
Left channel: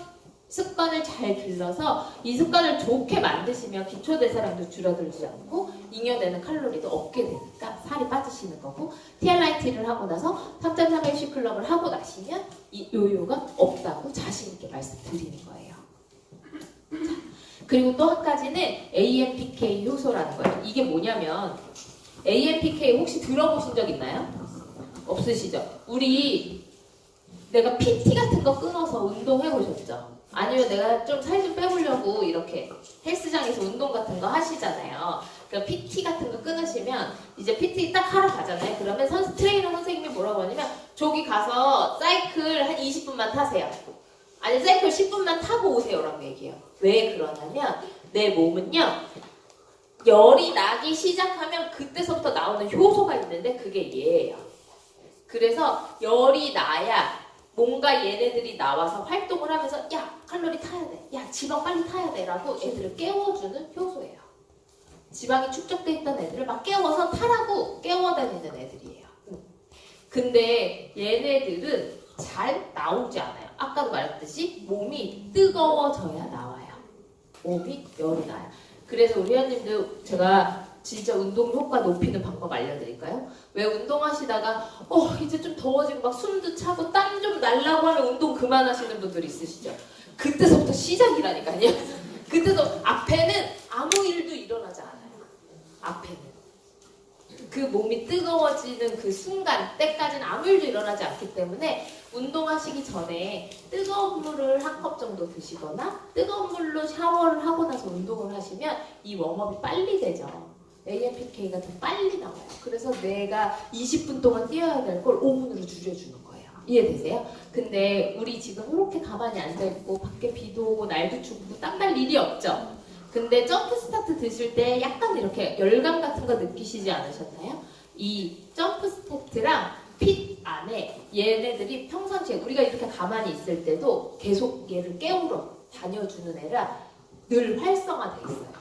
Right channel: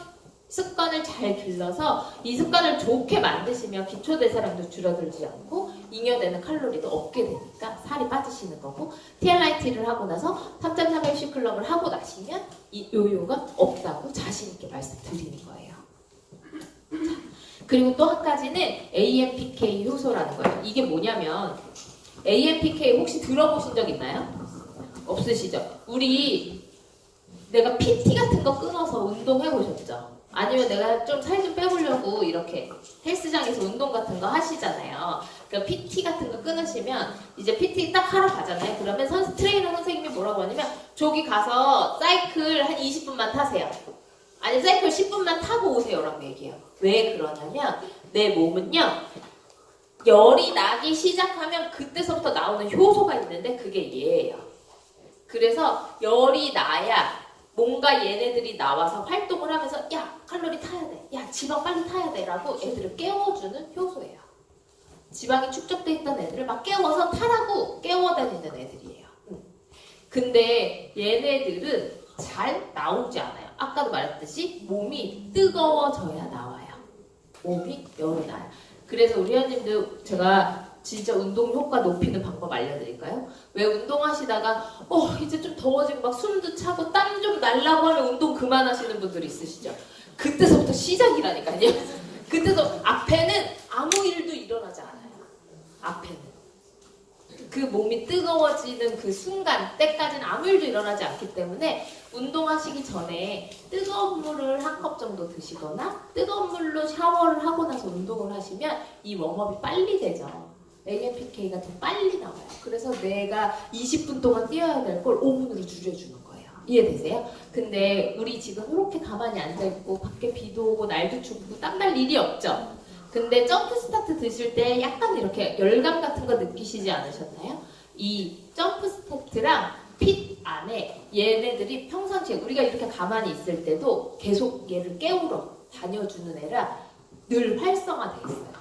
습관을 잘 길러서 이 습관을 좋게 만드시면 기초대사량도 줄어들지 않고 잉여되는 칼로리도 없게 되니까 살이 빠지시는 거고 티알라이티를 하고 나서 3.3MC 클럽을 하고 나시면 이 요요가 없다고 자신 있게 말씀드리는 거예요. 자, 그리고 또 한 가지는 AMPK 효소라는 거예요. 이게 뭐냐면 AMPK 혹시 들어보신 적 있나요? 없으시죠? 우리 내가 PT 같은 거 끊어서 운동해 보셨죠? 아니면 내가 좀 살 좀 빼보려고 이렇게 헬스장에서 운동 같은 거 하시잖아요. 그러니까 PT 같은 거 끊으시면 이제 PT 딱 하러 가잖아요. 그러면 트레이너 선생님이 뭐라고 하냐면 저기 가서 사이클 한 20분만 타세요. 아니 사이클 10분만 타고 오세요라고 얘기해요. 왜 그러냐면 내 몸은요. 열이 나기 시작하면 그때서부터 나오는 효소가 있는데 그게 얘예요. 그래서 열이 나야 뭔가 얘네들이 나와서 활동을 하면서 야 칼로리 타야 돼, 야 지방 빨리 타야 돼 라고 애들을 깨워주는 효소예요. 지방이 축적돼 있던 애들을 막 깨워서 타라고 깨워다니는 애들이에요. 근데 얘네들은 잘 나오지 않아요. 아까도 말했듯이 몸이 뜨거워져야 나와요. 몸이 열이 나요. 그래서 우리 회원님들 제가 진짜 운동 효과 높이는 방법 알려드릴까요? 왜 운동하시다가 이제 좀 더워지고 막 숨도 차고 땀 좀 날라고 하면 운동 그만하시는 분들 있으시죠? 그때서부터 시작이라니까요. 그때서 앞에는 아무 일도 일어나지 않아요. 앞에는 그 몸이 뜨거워지는 그 순간 때까지는 아무 일도 일어나지 않기 때문에 운동하시기 전에 뜨거운 물을 한 컵 정도 드시거나 뜨거운 물로 샤워를 하고 나서 운동을 하시면 이 웜업이 빨리 되죠. AMPK가 더 빨리 나와요. 그래서 내가 20분 동안 뛰어야 될 걸 5분으로 줄여주는 거예요. 이해되세요? 근데 우리 지금 이렇게 가만히 앉아있고 밖에 비도 오고 날도 춥고 땀 날 일이 없죠? 근데 점프 스타트 드실 때 약간 이렇게 열감 같은 거 느끼시지 않으셨나요? 이 점프 스타트랑 핏 안에 얘네들이 평상시에 우리가 이렇게 가만히 있을 때도 계속 얘를 깨우러 다녀주는 애라 늘 활성화돼 있어요.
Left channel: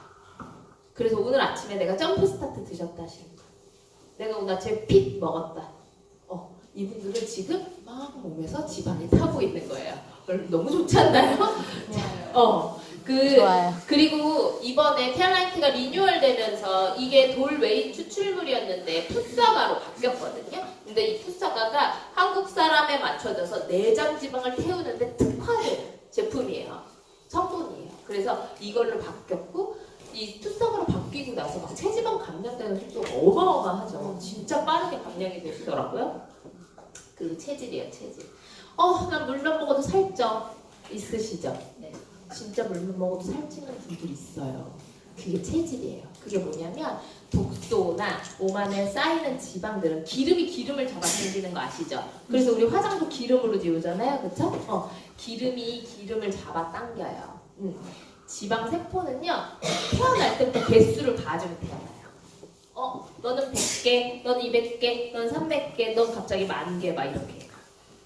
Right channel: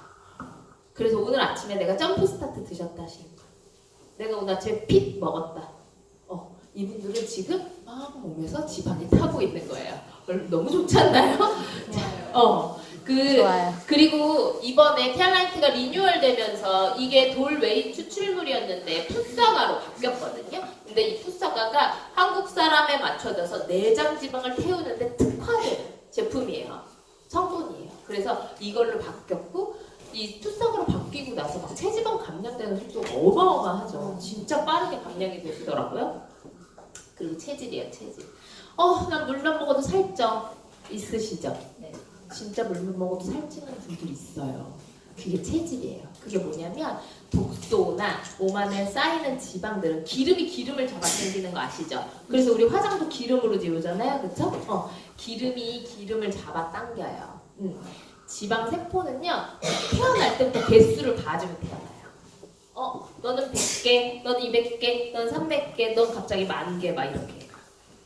그래서 오늘 아침에 내가 점프 스타트 드셨다 하시는 거예요. 내가 오늘 아침에 핏 먹었다. 이분들은 지금 막 몸에서 지방이 타고 있는 거예요. 너무 좋지 않나요? 그리고 이번에 티알라이트가 리뉴얼되면서 이게 돌 웨이 추출물이었는데 풋사과로 바뀌었거든요. 근데 이 풋사과가 한국 사람에 맞춰져서 내장 지방을 태우는데 특화된 제품이에요. 성분이에요. 그래서 이걸로 바뀌었고 이 풋사과로 바뀌고 나서 막 체지방 감량되는 속도가 어마어마하죠. 진짜 빠르게 감량이 되시더라고요. 그리고 체질이에요, 체질. 난 물만 먹어도 살쪄. 있으시죠? 네. 진짜 물만 먹어도 살찌는 분들이 있어요. 그게 체질이에요. 그게 뭐냐면 독소나 몸 안에 쌓이는 지방들은 기름을 잡아 당기는 거 아시죠? 그래서 우리 화장도 기름으로 지우잖아요. 그쵸? 기름이 기름을 잡아 당겨요. 지방 세포는요, 태어날 때부터 개수를 가지고 태어나요. 너는 100개, 너는 200개, 너는 300개, 너는 갑자기 10,000개 막 이렇게.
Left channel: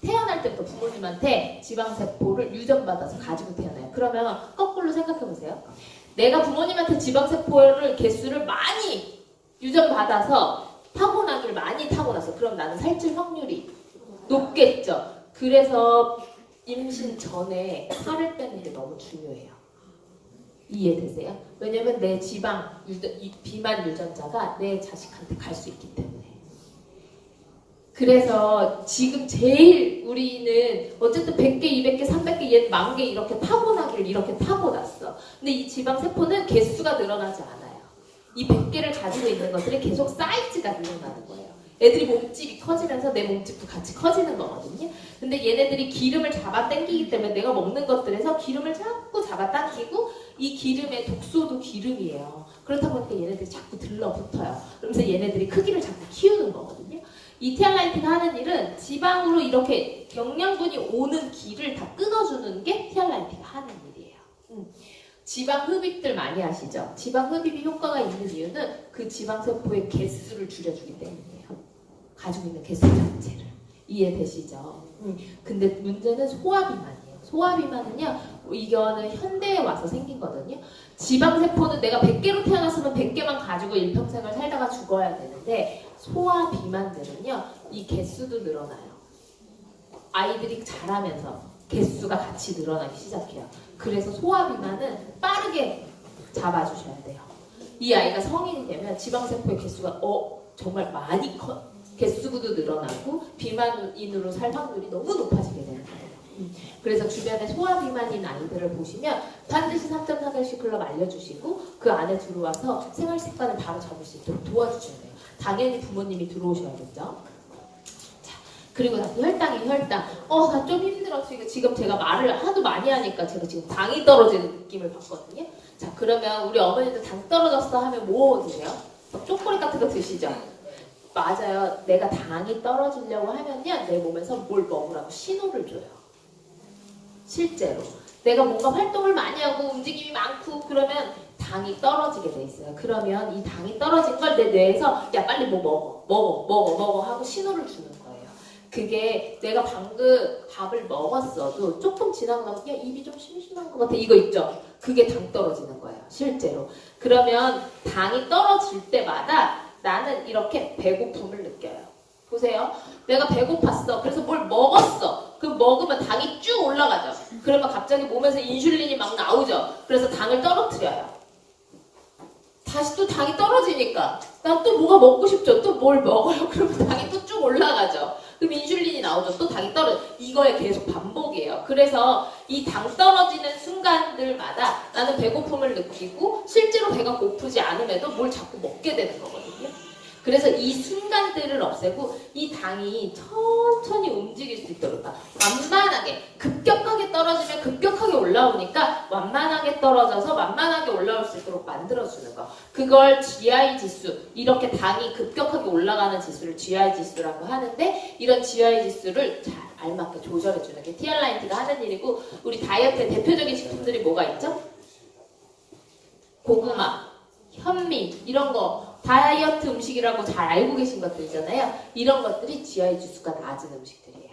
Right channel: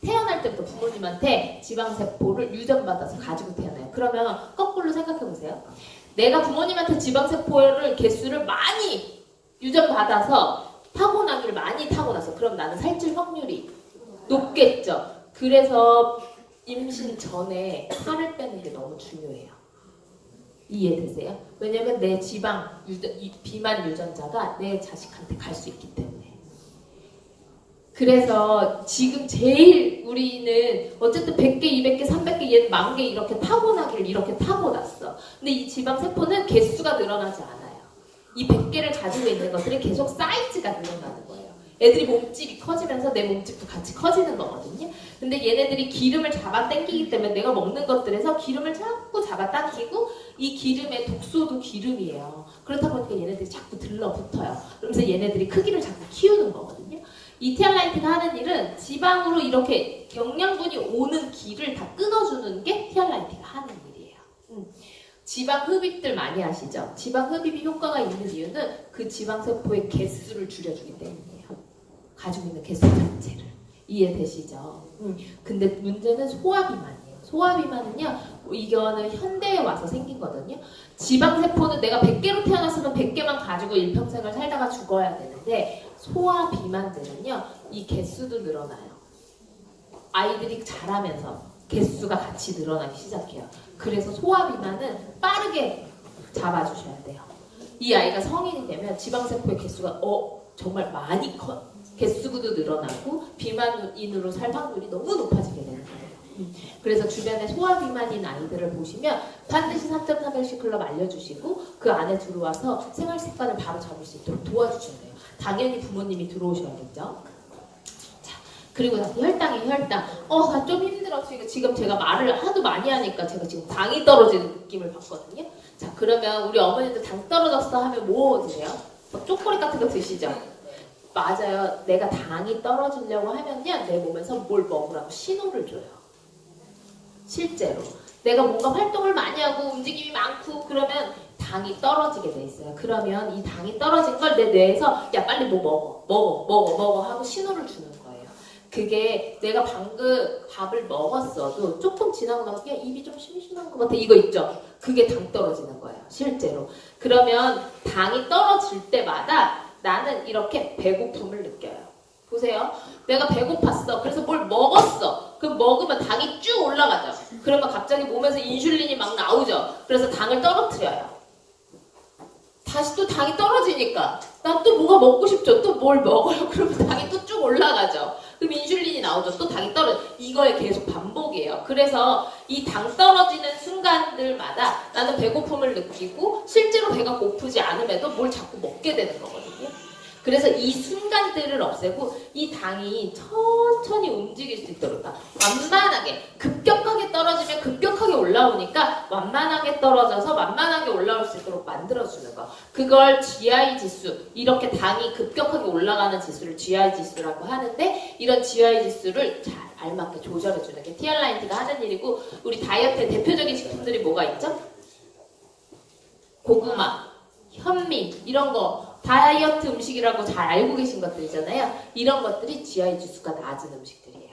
태어날 때부터 부모님한테 지방세포를 유전받아서 가지고 태어나요. 그러면 거꾸로 생각해보세요. 내가 부모님한테 지방세포를 개수를 많이 유전받아서 타고나기를 많이 타고나서 그럼 나는 살찔 확률이 높겠죠. 그래서 임신 전에 살을 빼는 게 너무 중요해요. 이해되세요? 왜냐면 내 비만 유전자가 내 자식한테 갈 수 있기 때문에. 그래서 지금 제일 우리는 어쨌든 100개, 200개, 300개, 얘는 10,000개 이렇게 타고나길 이렇게 타고났어. 근데 이 지방세포는 개수가 늘어나지 않아요. 이 100개를 가지고 있는 것들이 계속 사이즈가 늘어나는 거예요. 애들이 몸집이 커지면서 내 몸집도 같이 커지는 거거든요. 근데 얘네들이 기름을 잡아 당기기 때문에 내가 먹는 것들에서 기름을 자꾸 잡아 당기고 이 기름의 독소도 기름이에요. 그렇다 보니까 얘네들이 자꾸 들러붙어요. 그러면서 얘네들이 크기를 자꾸 키우는 거거든요. 이 티알라이트가 하는 일은 지방으로 이렇게 영양분이 오는 길을 다 끊어주는 게 티알라이트가 하는 일이에요. 지방 흡입들 많이 하시죠? 지방 흡입이 효과가 있는 이유는 그 지방세포의 개수를 줄여주기 때문이에요. 가지고 있는 개수 자체를. 이해되시죠? 근데 문제는 소화비만이에요. 소화비만은요, 이거는 현대에 와서 생긴 거거든요. 지방세포는 내가 100개로 태어났으면 100개만 가지고 일평생을 살다가 죽어야 되는데 소화비만들은요, 이 개수도 늘어나요. 아이들이 자라면서 개수가 같이 늘어나기 시작해요. 그래서 소화비만은 빠르게 잡아주셔야 돼요. 이 아이가 성인이 되면 지방세포의 개수가 정말 많이 개수도 늘어나고 비만인으로 살 확률이 너무 높아지게 되는 거예요. 그래서 주변에 소화비만인 아이들을 보시면 반드시 3.4개월씩 클럽 알려주시고 그 안에 들어와서 생활 습관을 바로 잡을 수 있도록 도와주셔야 돼요. 당연히 부모님이 들어오셔야겠죠. 자, 그리고 나서 혈당. 나 좀 힘들어. 지금 제가 말을 하도 많이 하니까 제가 지금 당이 떨어지는 느낌을 받거든요. 자, 그러면 우리 어머니들 당 떨어졌어 하면 뭐 드세요? 초콜릿 같은 거 드시죠? 맞아요. 내가 당이 떨어지려고 하면요, 내 몸에서 뭘 먹으라고 신호를 줘요. 실제로. 내가 뭔가 활동을 많이 하고 움직임이 많고 그러면 당이 떨어지게 돼 있어요. 그러면 이 당이 떨어진 걸 내 뇌에서 야 빨리 뭐 먹어 하고 신호를 주는 거예요. 그게 내가 방금 밥을 먹었어도 조금 지나고 나서 야 입이 좀 심심한 것 같아 이거 있죠? 그게 당 떨어지는 거예요. 실제로. 그러면 당이 떨어질 때마다 나는 이렇게 배고픔을 느껴요. 보세요. 내가 배고팠어. 그래서 뭘 먹었어. 그럼 먹으면 당이 쭉 올라가죠. 그러면 갑자기 몸에서 인슐린이 막 나오죠. 그래서 당을 떨어뜨려요. 다시 또 당이 떨어지니까 난 또 뭐가 먹고 싶죠. 또 뭘 먹어요. 그러면 당이 또 쭉 올라가죠. 그럼 인슐린이 나오죠. 또 당이 떨어져. 이거에 계속 반복이에요. 그래서 이 당 떨어지는 순간들마다 나는 배고픔을 느끼고 실제로 배가 고프지 않음에도 뭘 자꾸 먹게 되는 거거든요. 그래서 이 순간들을 없애고 이 당이 천천히 움직일 수 있도록 완만하게 급격하게 떨어지면 급격하게 올라오니까 완만하게 떨어져서 완만하게 올라올 수 있도록 만들어주는 거. 그걸 GI 지수, 이렇게 당이 급격하게 올라가는 지수를 GI 지수라고 하는데 이런 GI 지수를 잘 알맞게 조절해주는 게 티알라인트가 하는 일이고 우리 다이어트의 대표적인 식품들이 뭐가 있죠? 고구마, 현미 이런 거 다이어트 음식이라고 잘 알고 계신 것들이잖아요. 이런 것들이 GI 지수가 낮은 음식들이에요.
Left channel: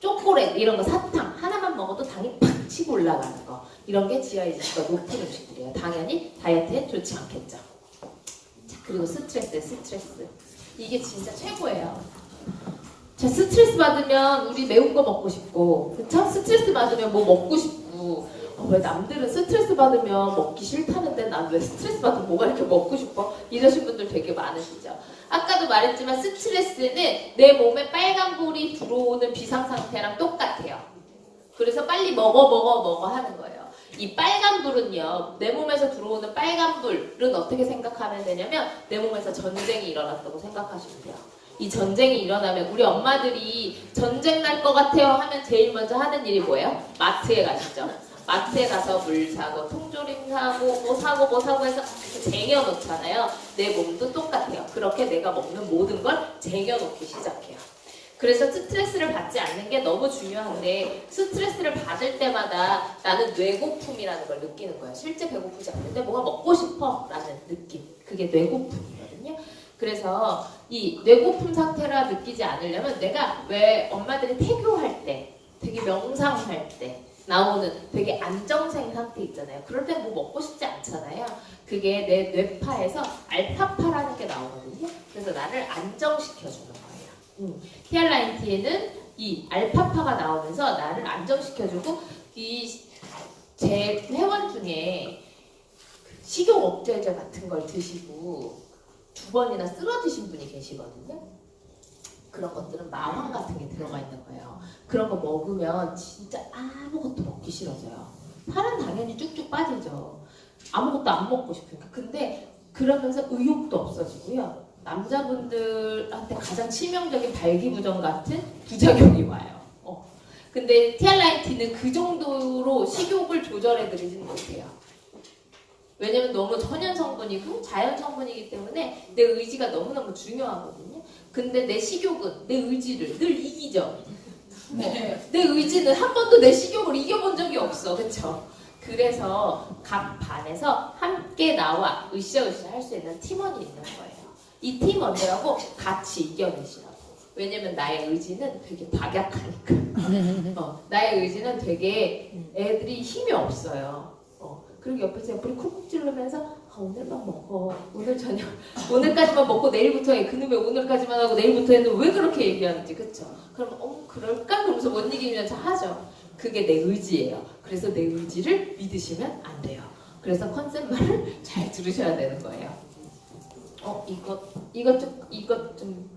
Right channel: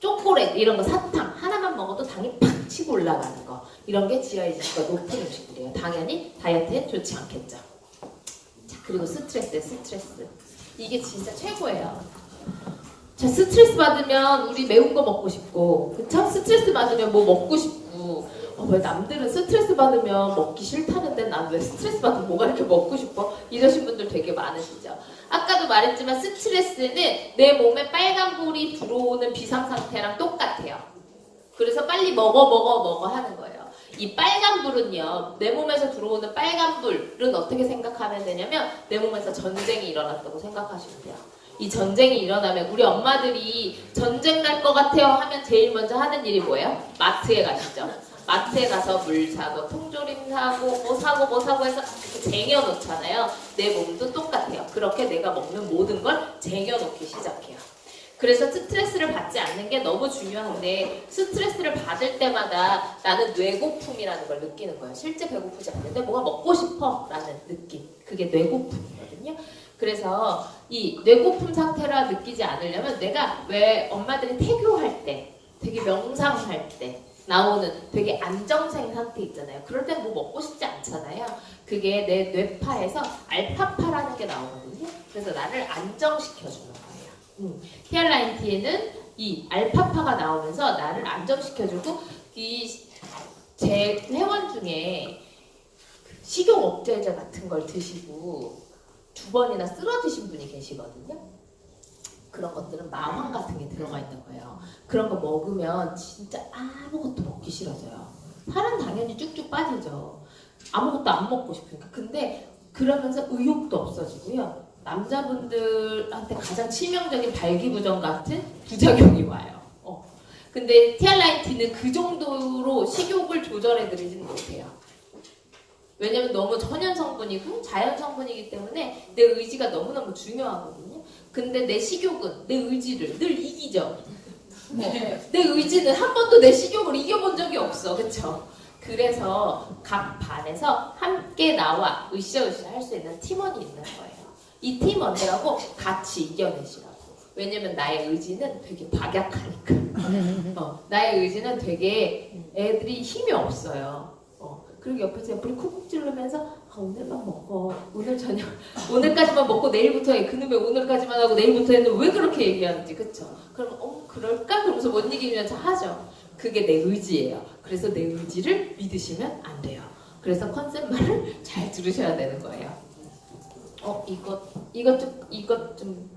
초콜릿 이런 거 사탕 하나만 먹어도 당이 팍 치고 올라가는 거 이런 게 GI 지수가 높은 음식들이에요. 당연히 다이어트에 좋지 않겠죠. 자, 그리고 스트레스 이게 진짜 최고예요. 자, 스트레스 받으면 우리 매운 거 먹고 싶고 그쵸? 스트레스 받으면 뭐 먹고 싶고 왜 남들은 스트레스 받으면 먹기 싫다는데 난 왜 스트레스 받으면 뭐가 이렇게 먹고 싶어? 이러신 분들 되게 많으시죠. 아까도 말했지만 스트레스는 내 몸에 빨간불이 들어오는 비상상태랑 똑같아요. 그래서 빨리 먹어 하는 거예요. 이 빨간불은요, 내 몸에서 들어오는 빨간불은 어떻게 생각하면 되냐면 내 몸에서 전쟁이 일어났다고 생각하시면 돼요. 이 전쟁이 일어나면 우리 엄마들이 전쟁 날 것 같아요 하면 제일 먼저 하는 일이 뭐예요? 마트에 가시죠. 마트에 가서 물 사고 통조림 사고 뭐 사고 해서 쟁여놓잖아요. 내 몸도 똑같아요. 그렇게 내가 먹는 모든 걸 쟁여놓기 시작해요. 그래서 스트레스를 받지 않는 게 너무 중요한데 스트레스를 받을 때마다 나는 뇌고픔이라는 걸 느끼는 거예요. 실제 배고프지 않는데 뭐가 먹고 싶어 라는 느낌. 그게 뇌고픔이거든요. 그래서 이 뇌고픔 상태라 느끼지 않으려면 내가 왜 엄마들이 태교할 때 되게 명상할 때 나오는 되게 안정생 상태 있잖아요. 그럴 때 뭐 먹고 싶지 않잖아요. 그게 내 뇌파에서 알파파라는 게 나오거든요. 그래서 나를 안정시켜주는 거예요. 티알라인티에는 이 알파파가 나오면서 나를 안정시켜주고 이 제 회원 중에 식욕 억제제 같은 걸 드시고 2번이나 쓰러지신 분이 계시거든요. 그런 것들은 마황 같은 게 들어가 있는 거예요. 그런 거 먹으면 진짜 아무것도 먹기 싫어져요. 살은 당연히 쭉쭉 빠지죠. 아무것도 안 먹고 싶으니까. 근데 그러면서 의욕도 없어지고요. 남자분들한테 가장 치명적인 발기부전 같은 부작용이 와요. 근데 티알라인티는 그 정도로 식욕을 조절해드리지는 못해요. 왜냐면 너무 천연 성분이고 자연 성분이기 때문에 내 의지가 너무너무 중요하거든요. 근데 내 식욕은 내 의지를 늘 이기죠. 내 의지는 한 번도 내 식욕을 이겨본 적이 없어. 그쵸? 그래서 각 반에서 함께 나와 으쌰으쌰 할 수 있는 팀원이 있는 거예요. 이 팀원들하고 같이 이겨내시라고. 왜냐면 나의 의지는 되게 박약하니까. 나의 의지는 되게 애들이 힘이 없어요. 그리고 옆에서 옆을 쿡쿡 찌르면서 오늘만 먹어. 오늘 저녁 오늘까지만 먹고 내일부터 해. 그놈의 오늘까지만 하고 내일부터 해는 왜 그렇게 얘기하는지. 그쵸? 그럼 그럴까? 그러면서 못 이기면서 하죠. 그게 내 의지예요. 그래서 내 의지를 믿으시면 안 돼요. 그래서 컨셉 말을 잘 들으셔야 되는 거예요. 이것 좀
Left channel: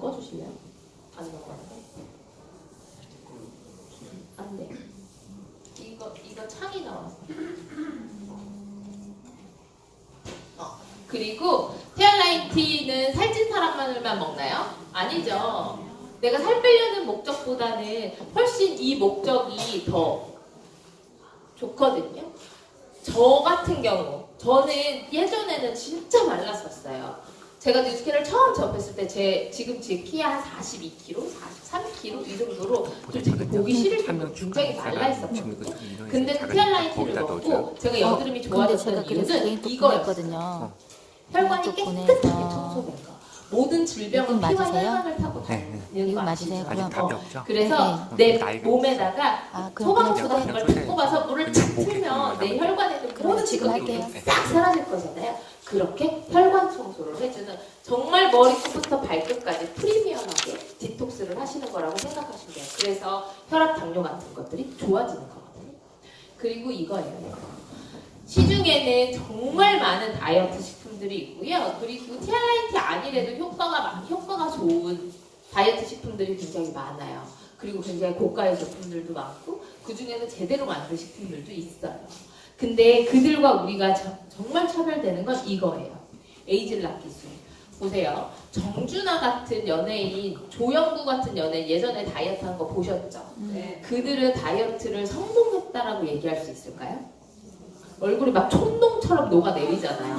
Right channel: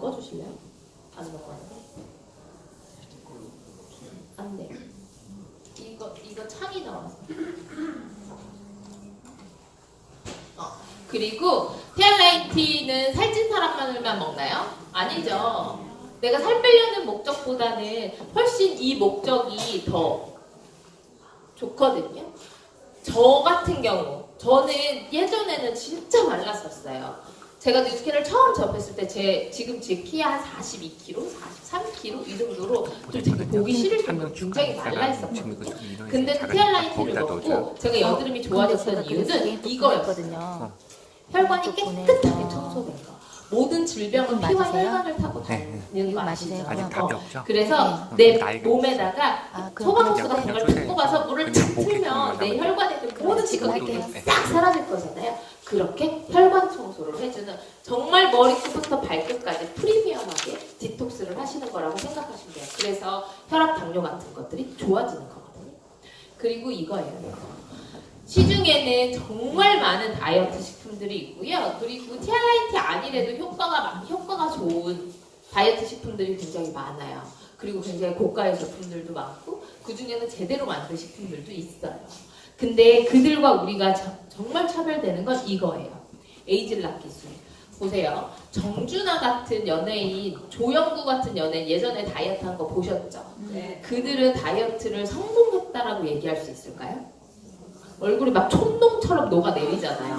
꺼주실래요? 안 나와요. 안 돼. 이거 창이 나왔어. 그리고 티알라인티는 살찐 사람만을만 먹나요? 아니죠. 내가 살 빼려는 목적보다는 훨씬 이 목적이 더 좋거든요. 저 같은 경우, 저는 예전에는 진짜 말랐었어요. 제가 뉴스캔을 처음 접했을 때 지금 제 키가 한 42kg, 43kg 이 정도로 좀 되게 보기 싫을 정도로 굉장히 말라있었거든요. 근데 티알라이트를 넣고 제가 여드름이 좋아졌던 이유는 이거였거든요. 혈관이 깨끗하게 청소된다. 모든 질병은 피와 혈관을 타고 다니는 거 아시죠? 그래서 내 몸에다가 소방수가 정말 붓고 가서 물을 착 틀면 내 혈관에 있는 모든 지각이 싹 사라질 거잖아요. 그렇게 혈관 청소를 해주는 정말 머리부터 발끝까지 프리미엄하게 디톡스를 하시는 거라고 생각하시면 돼요. 그래서 혈압, 당뇨 같은 것들이 좋아지는 거거든요. 그리고 이거예요. 시중에는 정말 많은 다이어트 식품들이 있고요. 그리고 티알라이트 아니래도 효과가 좋은 다이어트 식품들이 굉장히 많아요. 그리고 굉장히 고가의 제품들도 많고 그 중에는 제대로 만든 식품들도 있어요. 근데 그들과 우리가 정말 차별되는 건 이거예요. 에이즐락 기술. 보세요. 정준하 같은 연예인, 조영구 같은 연예인 예전에 다이어트 한 거 보셨죠? 네. 그들은 다이어트를 성공했다라고 얘기할 수 있을까요? 얼굴이 막 촌농처럼 녹아내리잖아요.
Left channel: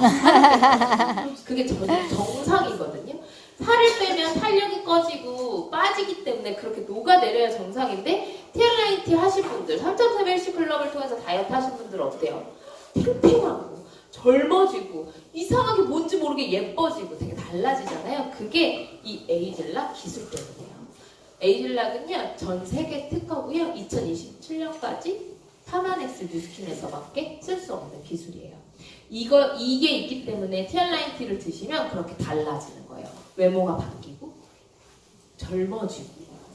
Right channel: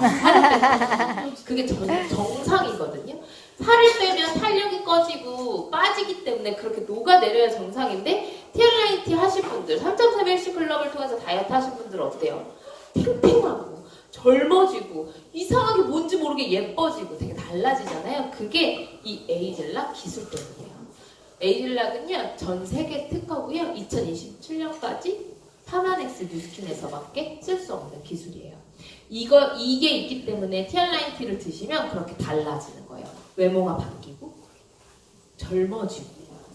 그게 정상이거든요. 살을 빼면 탄력이 꺼지고 빠지기 때문에 그렇게 녹아내려야 정상인데 티알라이트 하신 분들, 3.3 헬스 클럽을 통해서 다이어트 하신 분들 어때요? 팽팽하고 젊어지고 이상하게 뭔지 모르게 예뻐지고 되게 달라지잖아요. 그게 이 에이즐락 기술 때문이에요. 에이즐락은요 전 세계 특허고요. 2027년까지 파마넥스 뉴스킨에서밖에 쓸 수 없는 기술이에요. 이게 있기 때문에 티알라이트를 드시면 그렇게 달라지는 거예요. 외모가 바뀌고 젊어지고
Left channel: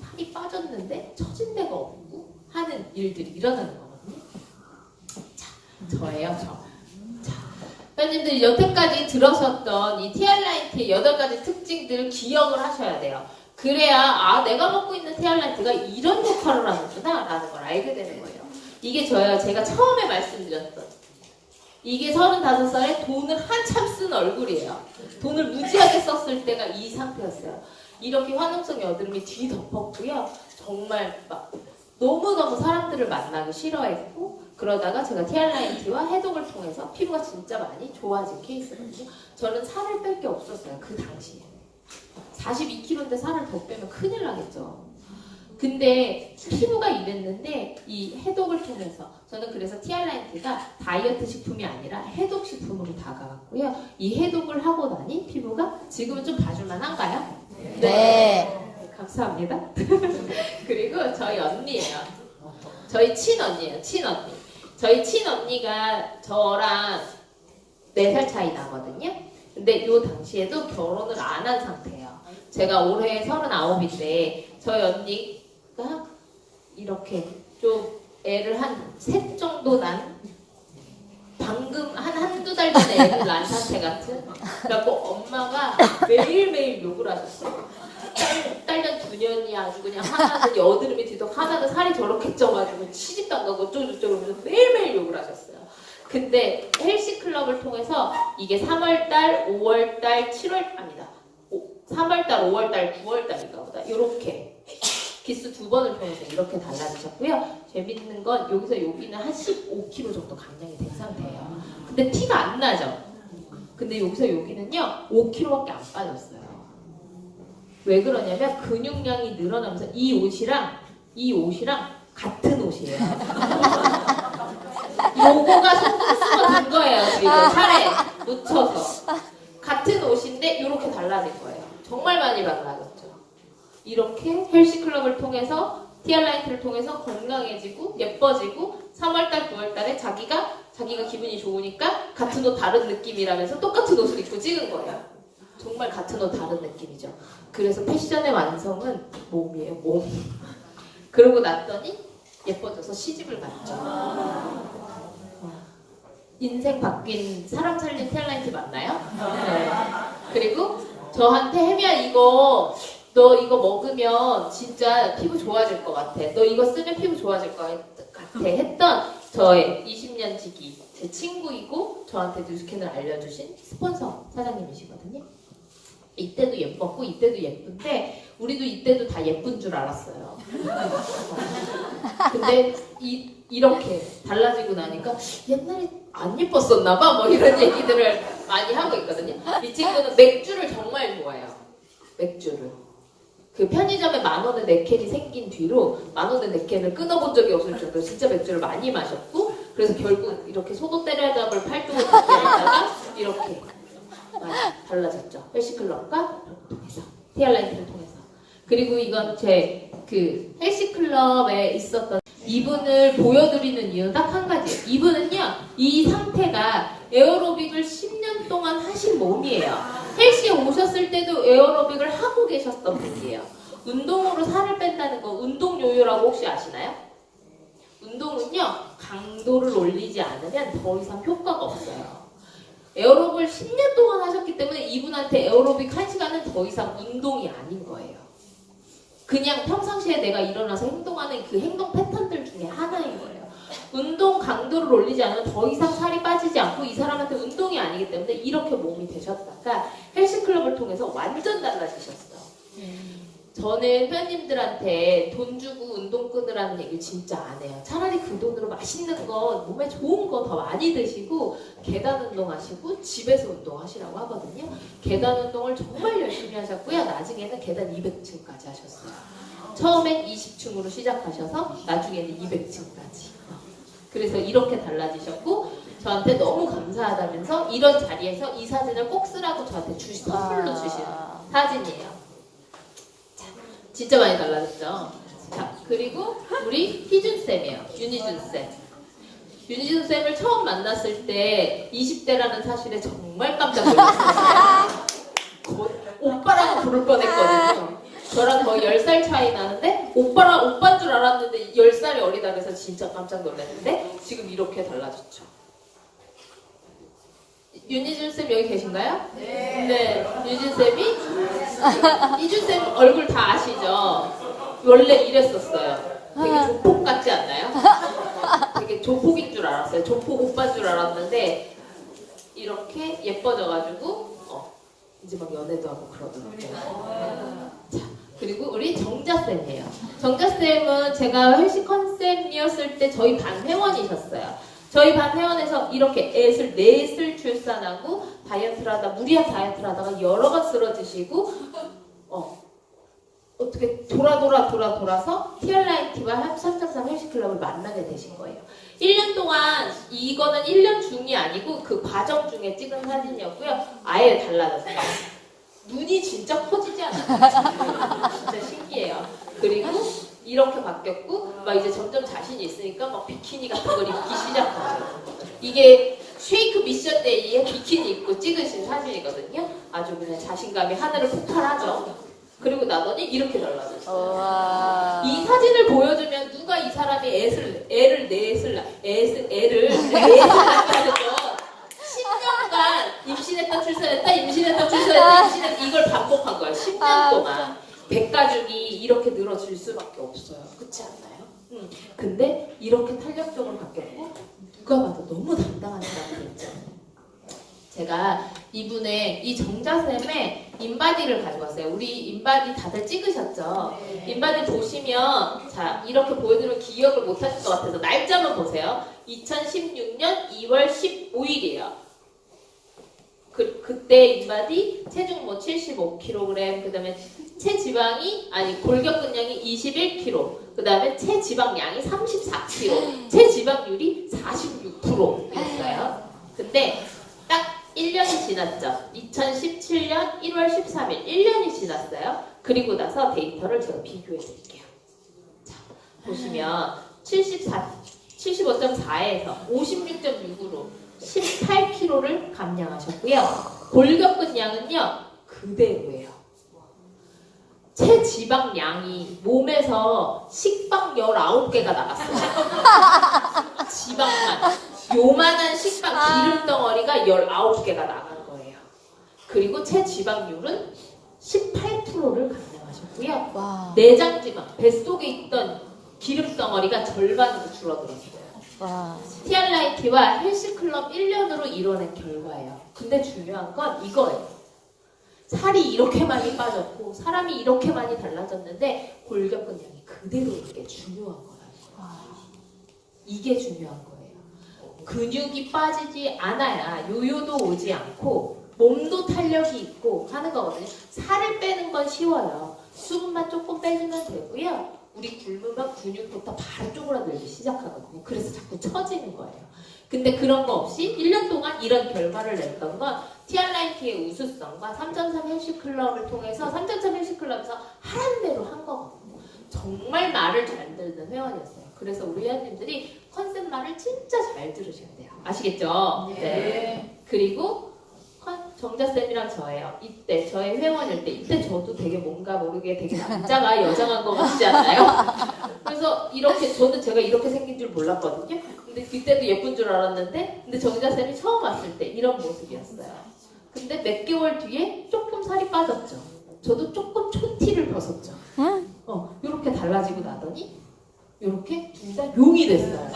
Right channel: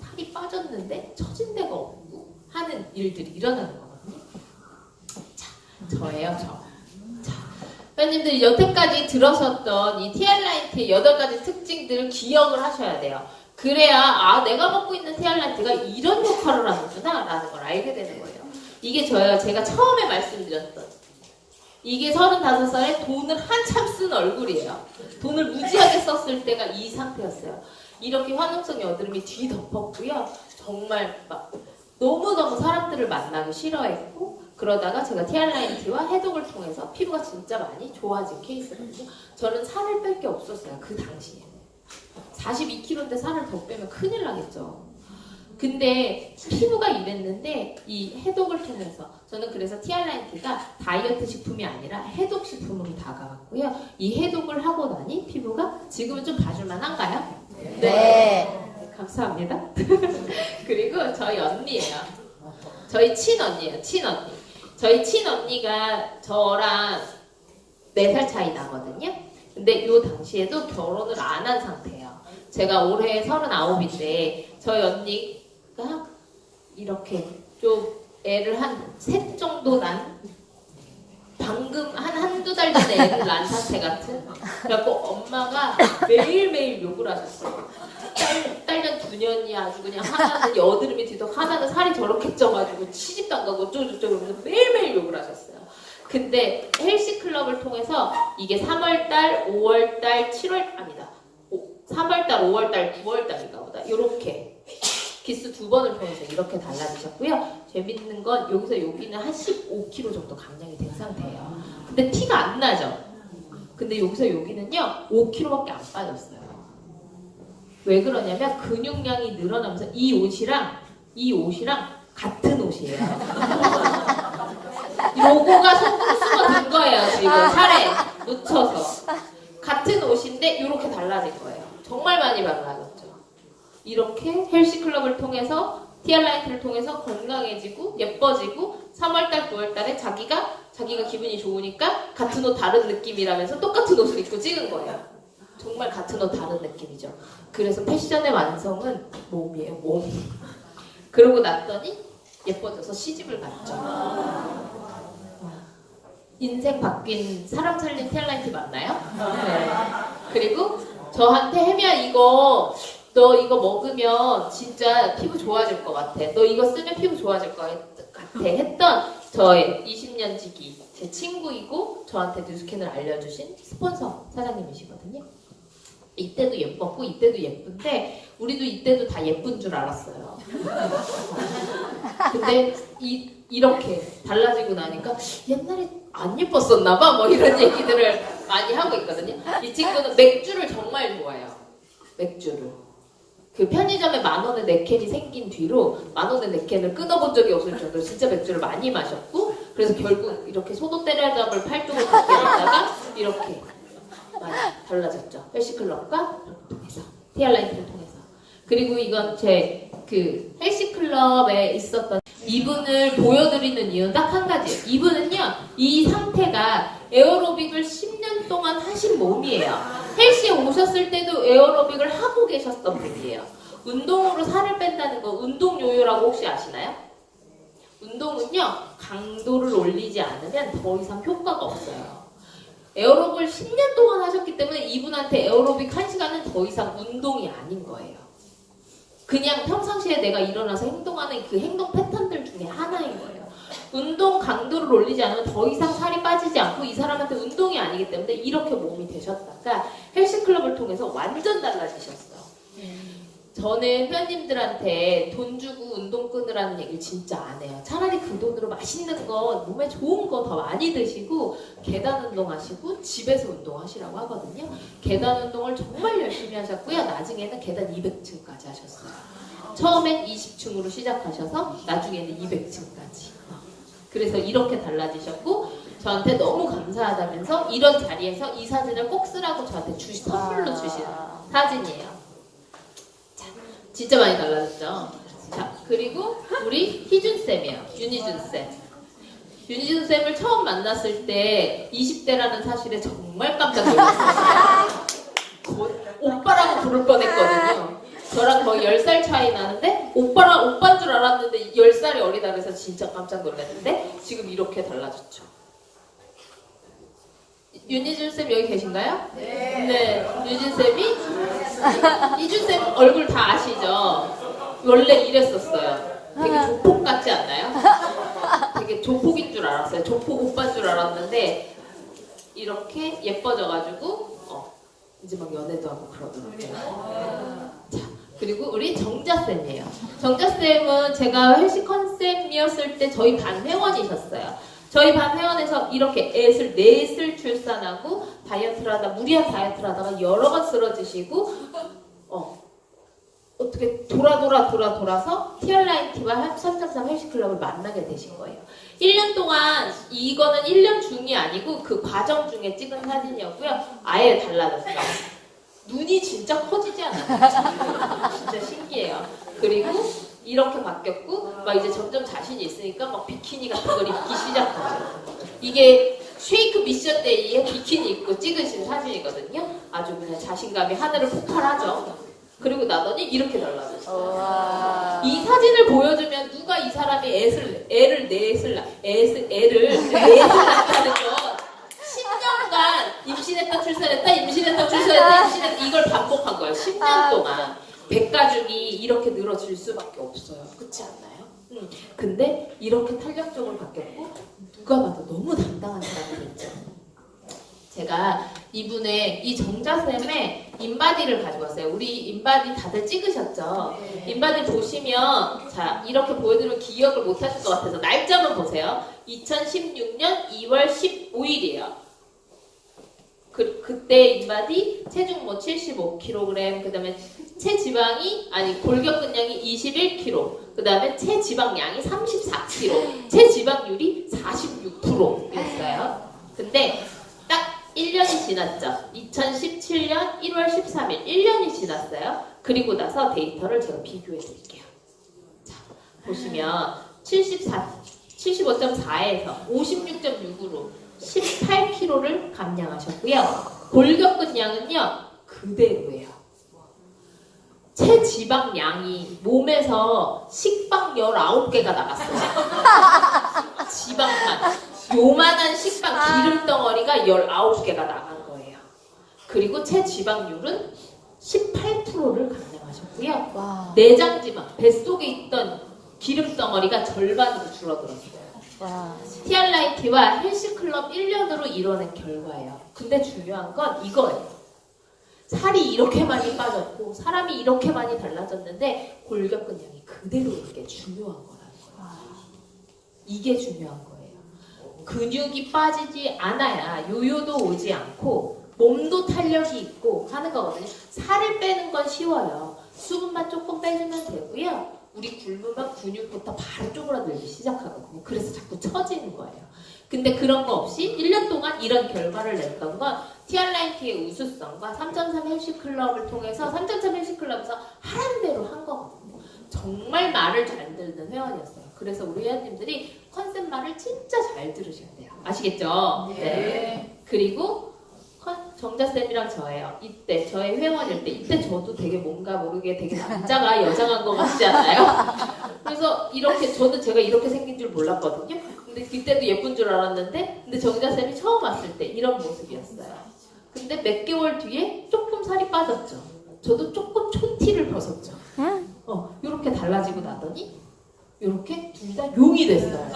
살이 빠졌는데 처진 데가 없고 하는 일들이 일어나는 거거든요. 자, 저예요, 저. 자, 회원님들 여태까지 들으셨던 이 티알라이트의 8가지 특징들을 기억을 하셔야 돼요. 그래야 내가 먹고 있는 티알라이트가 이런 역할을 하는구나 라는 걸 알게 되는 거예요. 이게 제가 처음에 말씀드렸던 이게 35살에 돈을 한참 쓴 얼굴이에요. 돈을 무지하게 썼을 때가 이 상태였어요. 이렇게 화농성 여드름이 뒤덮었고요. 정말 막 너무너무 사람들을 만나기 싫어했고 그러다가 제가 티알라이트와 해독을 통해서 피부가 진짜 많이 좋아진 케이스거든요. 저는 살을 뺄 게 없었어요. 그 당시에는. 42kg인데 살을 더 빼면 큰일 나겠죠. 근데 피부가 이랬는데 이 해독을 통해서 저는 그래서 티알라이트가 다이어트 식품이 아니라 해독 식품으로 다가갔고요. 이 해독을 하고 나니 피부가 지금은 좀 봐줄만 한가요? 네. 감사합니다. 그리고 저희 언니예요. 저희 친언니예요. 친언니. 저희 친언니가 저랑 4살 차이 나거든요. 근데 이 당시에도 결혼을 안 한 상태예요. 제가 올해 39인데 저희 언니가 이렇게 좀 애를 한 셋 정도 난 방금 한두 달 전에 애를 낳은 상태 같은 그래갖고 엄마가 매일매일 욕을 하셨어요. 딸년 2년이 아주 그냥 하나는 여드름이 뒤덮 하나는 살이 저렇게 쪄가지고 시집도 안 가고 어쩌고저쩌고 매일매일 욕을 하셨어요. 근데 헬스클럽을 통해서 이게 3월달, 5월달, 7월 아니다. 3월달, 5월달, 9월달인가 보다. 이렇게 기수 2번을 통해서 이렇게 달라지셨고요. 재밌는 건 여기서 여기는 한 15kg 정도 감량이 된 상태예요. 근데 티가 안 나죠? 근데 여기서 여기는요 5kg밖에 안 빠졌어요. 왜 그러냐면 근육량이 늘어나면서 이 옷이랑 같은 옷이에요. 요거가 손수가 된 거예요. 지금 살에 묻혀서 같은 옷인데 이렇게 달라진 거예요. 정말 많이 달라졌죠. 이렇게 헬스클럽을 통해서 티알라이트를 통해서 건강해지고 예뻐지고 3월달 9월달에 자기가 기분이 좋으니까 같은 옷 다른 느낌이라면서 똑같은 옷을 입고 찍은 거예요. 정말 같은 옷 다른 느낌이죠. 그래서 패션의 완성은 몸이에요. 몸. 그러고 났더니 예뻐져서 시집을 갔죠. 인생 바뀐 사람 살린 티알라이트 맞나요? 네. 그리고 저한테 혜미야 너 이거 먹으면 진짜 피부 좋아질 것 같아. 너 이거 쓰면 피부 좋아질 것 같아 했던 저의 20년 지기 제 친구이고 저한테 뉴스캔을 알려주신 스폰서 사장님이시거든요. 이때도 예뻤고 이때도 예쁜데 우리도 이때도 다 예쁜 줄 알았어요. 근데 이렇게 달라지고 나니까 옛날에 안 예뻤었나 봐 뭐 이런 얘기들을 많이 하고 있거든요. 이 친구는 맥주를 정말 좋아해요. 맥주를. 그 편의점에 10,000원의 네캔이 생긴 뒤로 10,000원의 네캔을 끊어본 적이 없을 정도로 진짜 맥주를 많이 마셨고 그래서 결국 이렇게 소도 때려잡을 팔뚝을 갖게 되다가 이렇게 많이 달라졌죠. 헬시클럽과 통해서 티알라이트를 통해서. 그리고 이건 제 그 헬시클럽에 있었던 이분을 보여드리는 이유는 딱 한 가지. 이분은요 이 상태가 에어로빅을 10년 동안 하신 몸이에요. 헬스에 오셨을 때도 에어로빅을 하고 계셨던 분이에요. 운동으로 살을 뺀다는 건 운동 요요라고 혹시 아시나요? 운동은요 강도를 올리지 않으면 더 이상 효과가 없어요. 에어로빅을 10년 동안 하셨기 때문에 이분한테 에어로빅 1시간은 더 이상 운동이 아닌 거예요. 그냥 평상시에 내가 일어나서 행동하는 그 행동 패턴들 중에 하나인 거예요. 운동 강도를 올리지 않으면 더 이상 살이 빠지지 않고 이 사람한테 운동이 아니기 때문에 이렇게 몸이 되셨다가 헬스클럽을 통해서 완전 달라지셨어요. 저는 회원님들한테 돈 주고 운동 끊으라는 얘기 진짜 안 해요. 차라리 그 돈으로 맛있는 거, 몸에 좋은 거 더 많이 드시고 계단 운동하시고 집에서 운동하시라고 하거든요. 계단 운동을 정말 열심히 하셨고요. 나중에는 계단 200층까지 하셨어요. 처음엔 20층으로 시작하셔서 나중에는 200층까지. 그래서 이렇게 달라지셨고 저한테 너무 감사하다면서 이런 자리에서 이 사진을 꼭 쓰라고 저한테 선물로 주신 사진이에요. 진짜 많이 달라졌죠. 자, 그리고 우리 희준쌤이에요. 윤희준쌤. 윤희준쌤을 처음 만났을 때 20대라는 사실에 정말 깜짝 놀랐어요. 오빠라고 부를 뻔했거든요. 저랑 거의 10살 차이 나는데 오빠인 줄 알았는데 10살이 어리다 그래서 진짜 깜짝 놀랐는데 지금 이렇게 달라졌죠. 윤희준쌤 여기 계신가요? 네. 유진쌤이? 이준쌤 얼굴 다 아시죠? 원래 이랬었어요. 되게 조폭 같지 않나요? 되게 조폭인 줄 알았어요. 조폭 오빠인 줄 알았는데 이렇게 예뻐져가지고 이제 막 연애도 하고 그러더라고요. 자, 그리고 우리 정자쌤이에요. 정자쌤은 제가 헬스 컨셉이었을 때 저희 반 회원이셨어요. 저희 반 회원에서 이렇게 넷을 출산하고 다이어트를 하다 무리한 다이어트를 하다가 여러 번 쓰러지시고 어떻게 돌아서 티얼라이트와 3.3 헬스클럽을 만나게 되신 거예요. 1년 동안 이거는 1년 중이 아니고 그 과정 중에 찍은 사진이었고요. 아예 달라졌어요. 눈이 진짜 커지지 않아요? 진짜 신기해요. 그리고 이렇게 바뀌었고 막 이제 점점 자신이 있으니까 막 비키니 같은 걸 입기 시작하죠. 이게 쉐이크 미션 데이에 비키니 입고 찍으신 사진이거든요. 아주 그냥 자신감이 하늘을 폭발하죠. 그리고 나더니 이렇게 달라졌어요. 이 사진을 보여주면 누가 이 사람이 애를 넷을 낳게 거 10년간 임신했다 출산했다 이걸 반복한 거예요. 10년 동안. 백가죽이 이렇게 늘어질 수밖에 없어요. 그렇지 않나요? 근데 이렇게 탄력적으로 바뀌었고 누가 봐도 너무 당당한 사람이 됐죠. 제가 이 정자쌤의 인바디를 가지고 왔어요. 우리 인바디 다들 찍으셨죠? 인바디 보시면 자 이렇게 보여드리면 기억을 못 하실 것 같아서 날짜만 보세요. 2016년 2월 15일이에요. 그때 인바디 체중 뭐 75kg, 그 다음에 골격근량이 21kg, 그 다음에 체지방량이 34kg, 체지방률이 46%였어요. 근데 딱 1년이 지났죠. 2017년 1월 13일, 1년이 지났어요. 그리고 나서 데이터를 제가 비교해 드릴게요. 자, 보시면 75.4에서 56.6으로 18kg를 감량하셨고요. 골격근량은요 그대로예요. 체지방량이 몸에서 식빵 19개가 나갔어요. 지방만 요만한 식빵 기름덩어리가 19개가 나간 거예요. 그리고 체지방률은 18%를 감량하셨고요. 내장지방, 뱃속에 있던 기름덩어리가 절반으로 줄어들었어요. 티알라이트와 헬스클럽 1년으로 이뤄낸 결과예요. 근데 중요한 건 이거예요. 살이 이렇게 많이 빠졌고 사람이 이렇게 많이 달라졌는데 골격근량이 그대로 있는 게 중요한 거라는 거예요. 이게 중요한 거예요. 근육이 빠지지 않아야 요요도 오지 않고 몸도 탄력이 있고 하는 거거든요. 살을 빼는 건 쉬워요. 수분만 조금 빼주면 되고요. 우리 굶으면 근육부터 바로 쪼그라들기 시작하거든요. 그래서 자꾸 처지는 거예요. 근데 그런 거 없이 1년 동안 이런 결과를 냈던 건 티알라이트의 우수성과 3.3 헬스클럽을 통해서 3.3 헬스클럽에서 하라는 대로 한 거거든요. 정말 말을 잘 듣는 회원이었어요. 그래서 우리 회원님들이 컨셉 말을 진짜 잘 들으셔야 돼요. 아시겠죠? 네. 그리고 정자쌤이랑 저예요. 이때 저의 회원일 때 이때 저도 되게 뭔가 모르게 되게 남자가 여자만 거 같지 않아요? 그래서 이렇게 저는 제가 이렇게 생긴 줄 몰랐거든요. 근데 그때도 예쁜 줄 알았는데 근데 정자쌤이 처음 왔을 때 이런 모습이었어요. 근데 몇 개월 뒤에 조금 살이 빠졌죠. 저도 조금 촌티를 벗었죠. 이렇게 달라지고 나더니 이렇게 둘 다 용이 됐어요.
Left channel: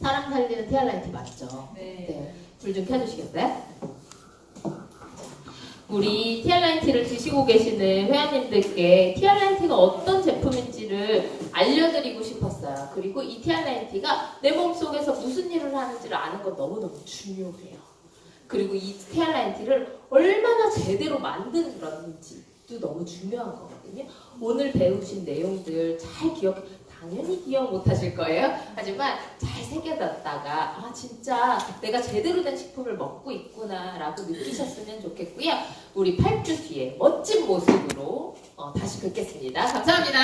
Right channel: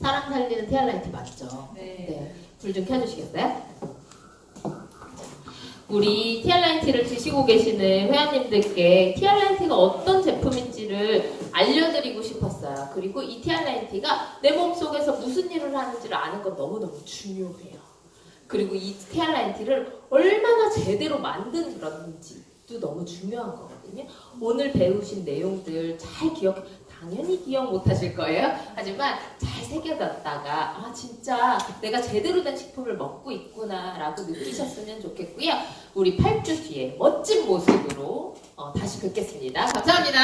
사람 살리는 티알라이트 맞죠? 네. 불 좀 켜주시겠어요? 우리 티알라이트를 드시고 계시는 회원님들께 티알라이트가 어떤 제품인지를 알려드리고 싶었어요. 그리고 이 티알라이트가 내 몸속에서 무슨 일을 하는지를 아는 건 너무너무 중요해요. 그리고 이 티알라이트를 얼마나 제대로 만드는지도 너무 중요한 거거든요. 오늘 배우신 내용들 잘 당연히 기억 못 하실 거예요. 하지만 잘 새겨놨다가 아 진짜 내가 제대로 된 식품을 먹고 있구나 라고 느끼셨으면 좋겠고요. 우리 8주 뒤에 멋진 모습으로 다시 뵙겠습니다. 감사합니다.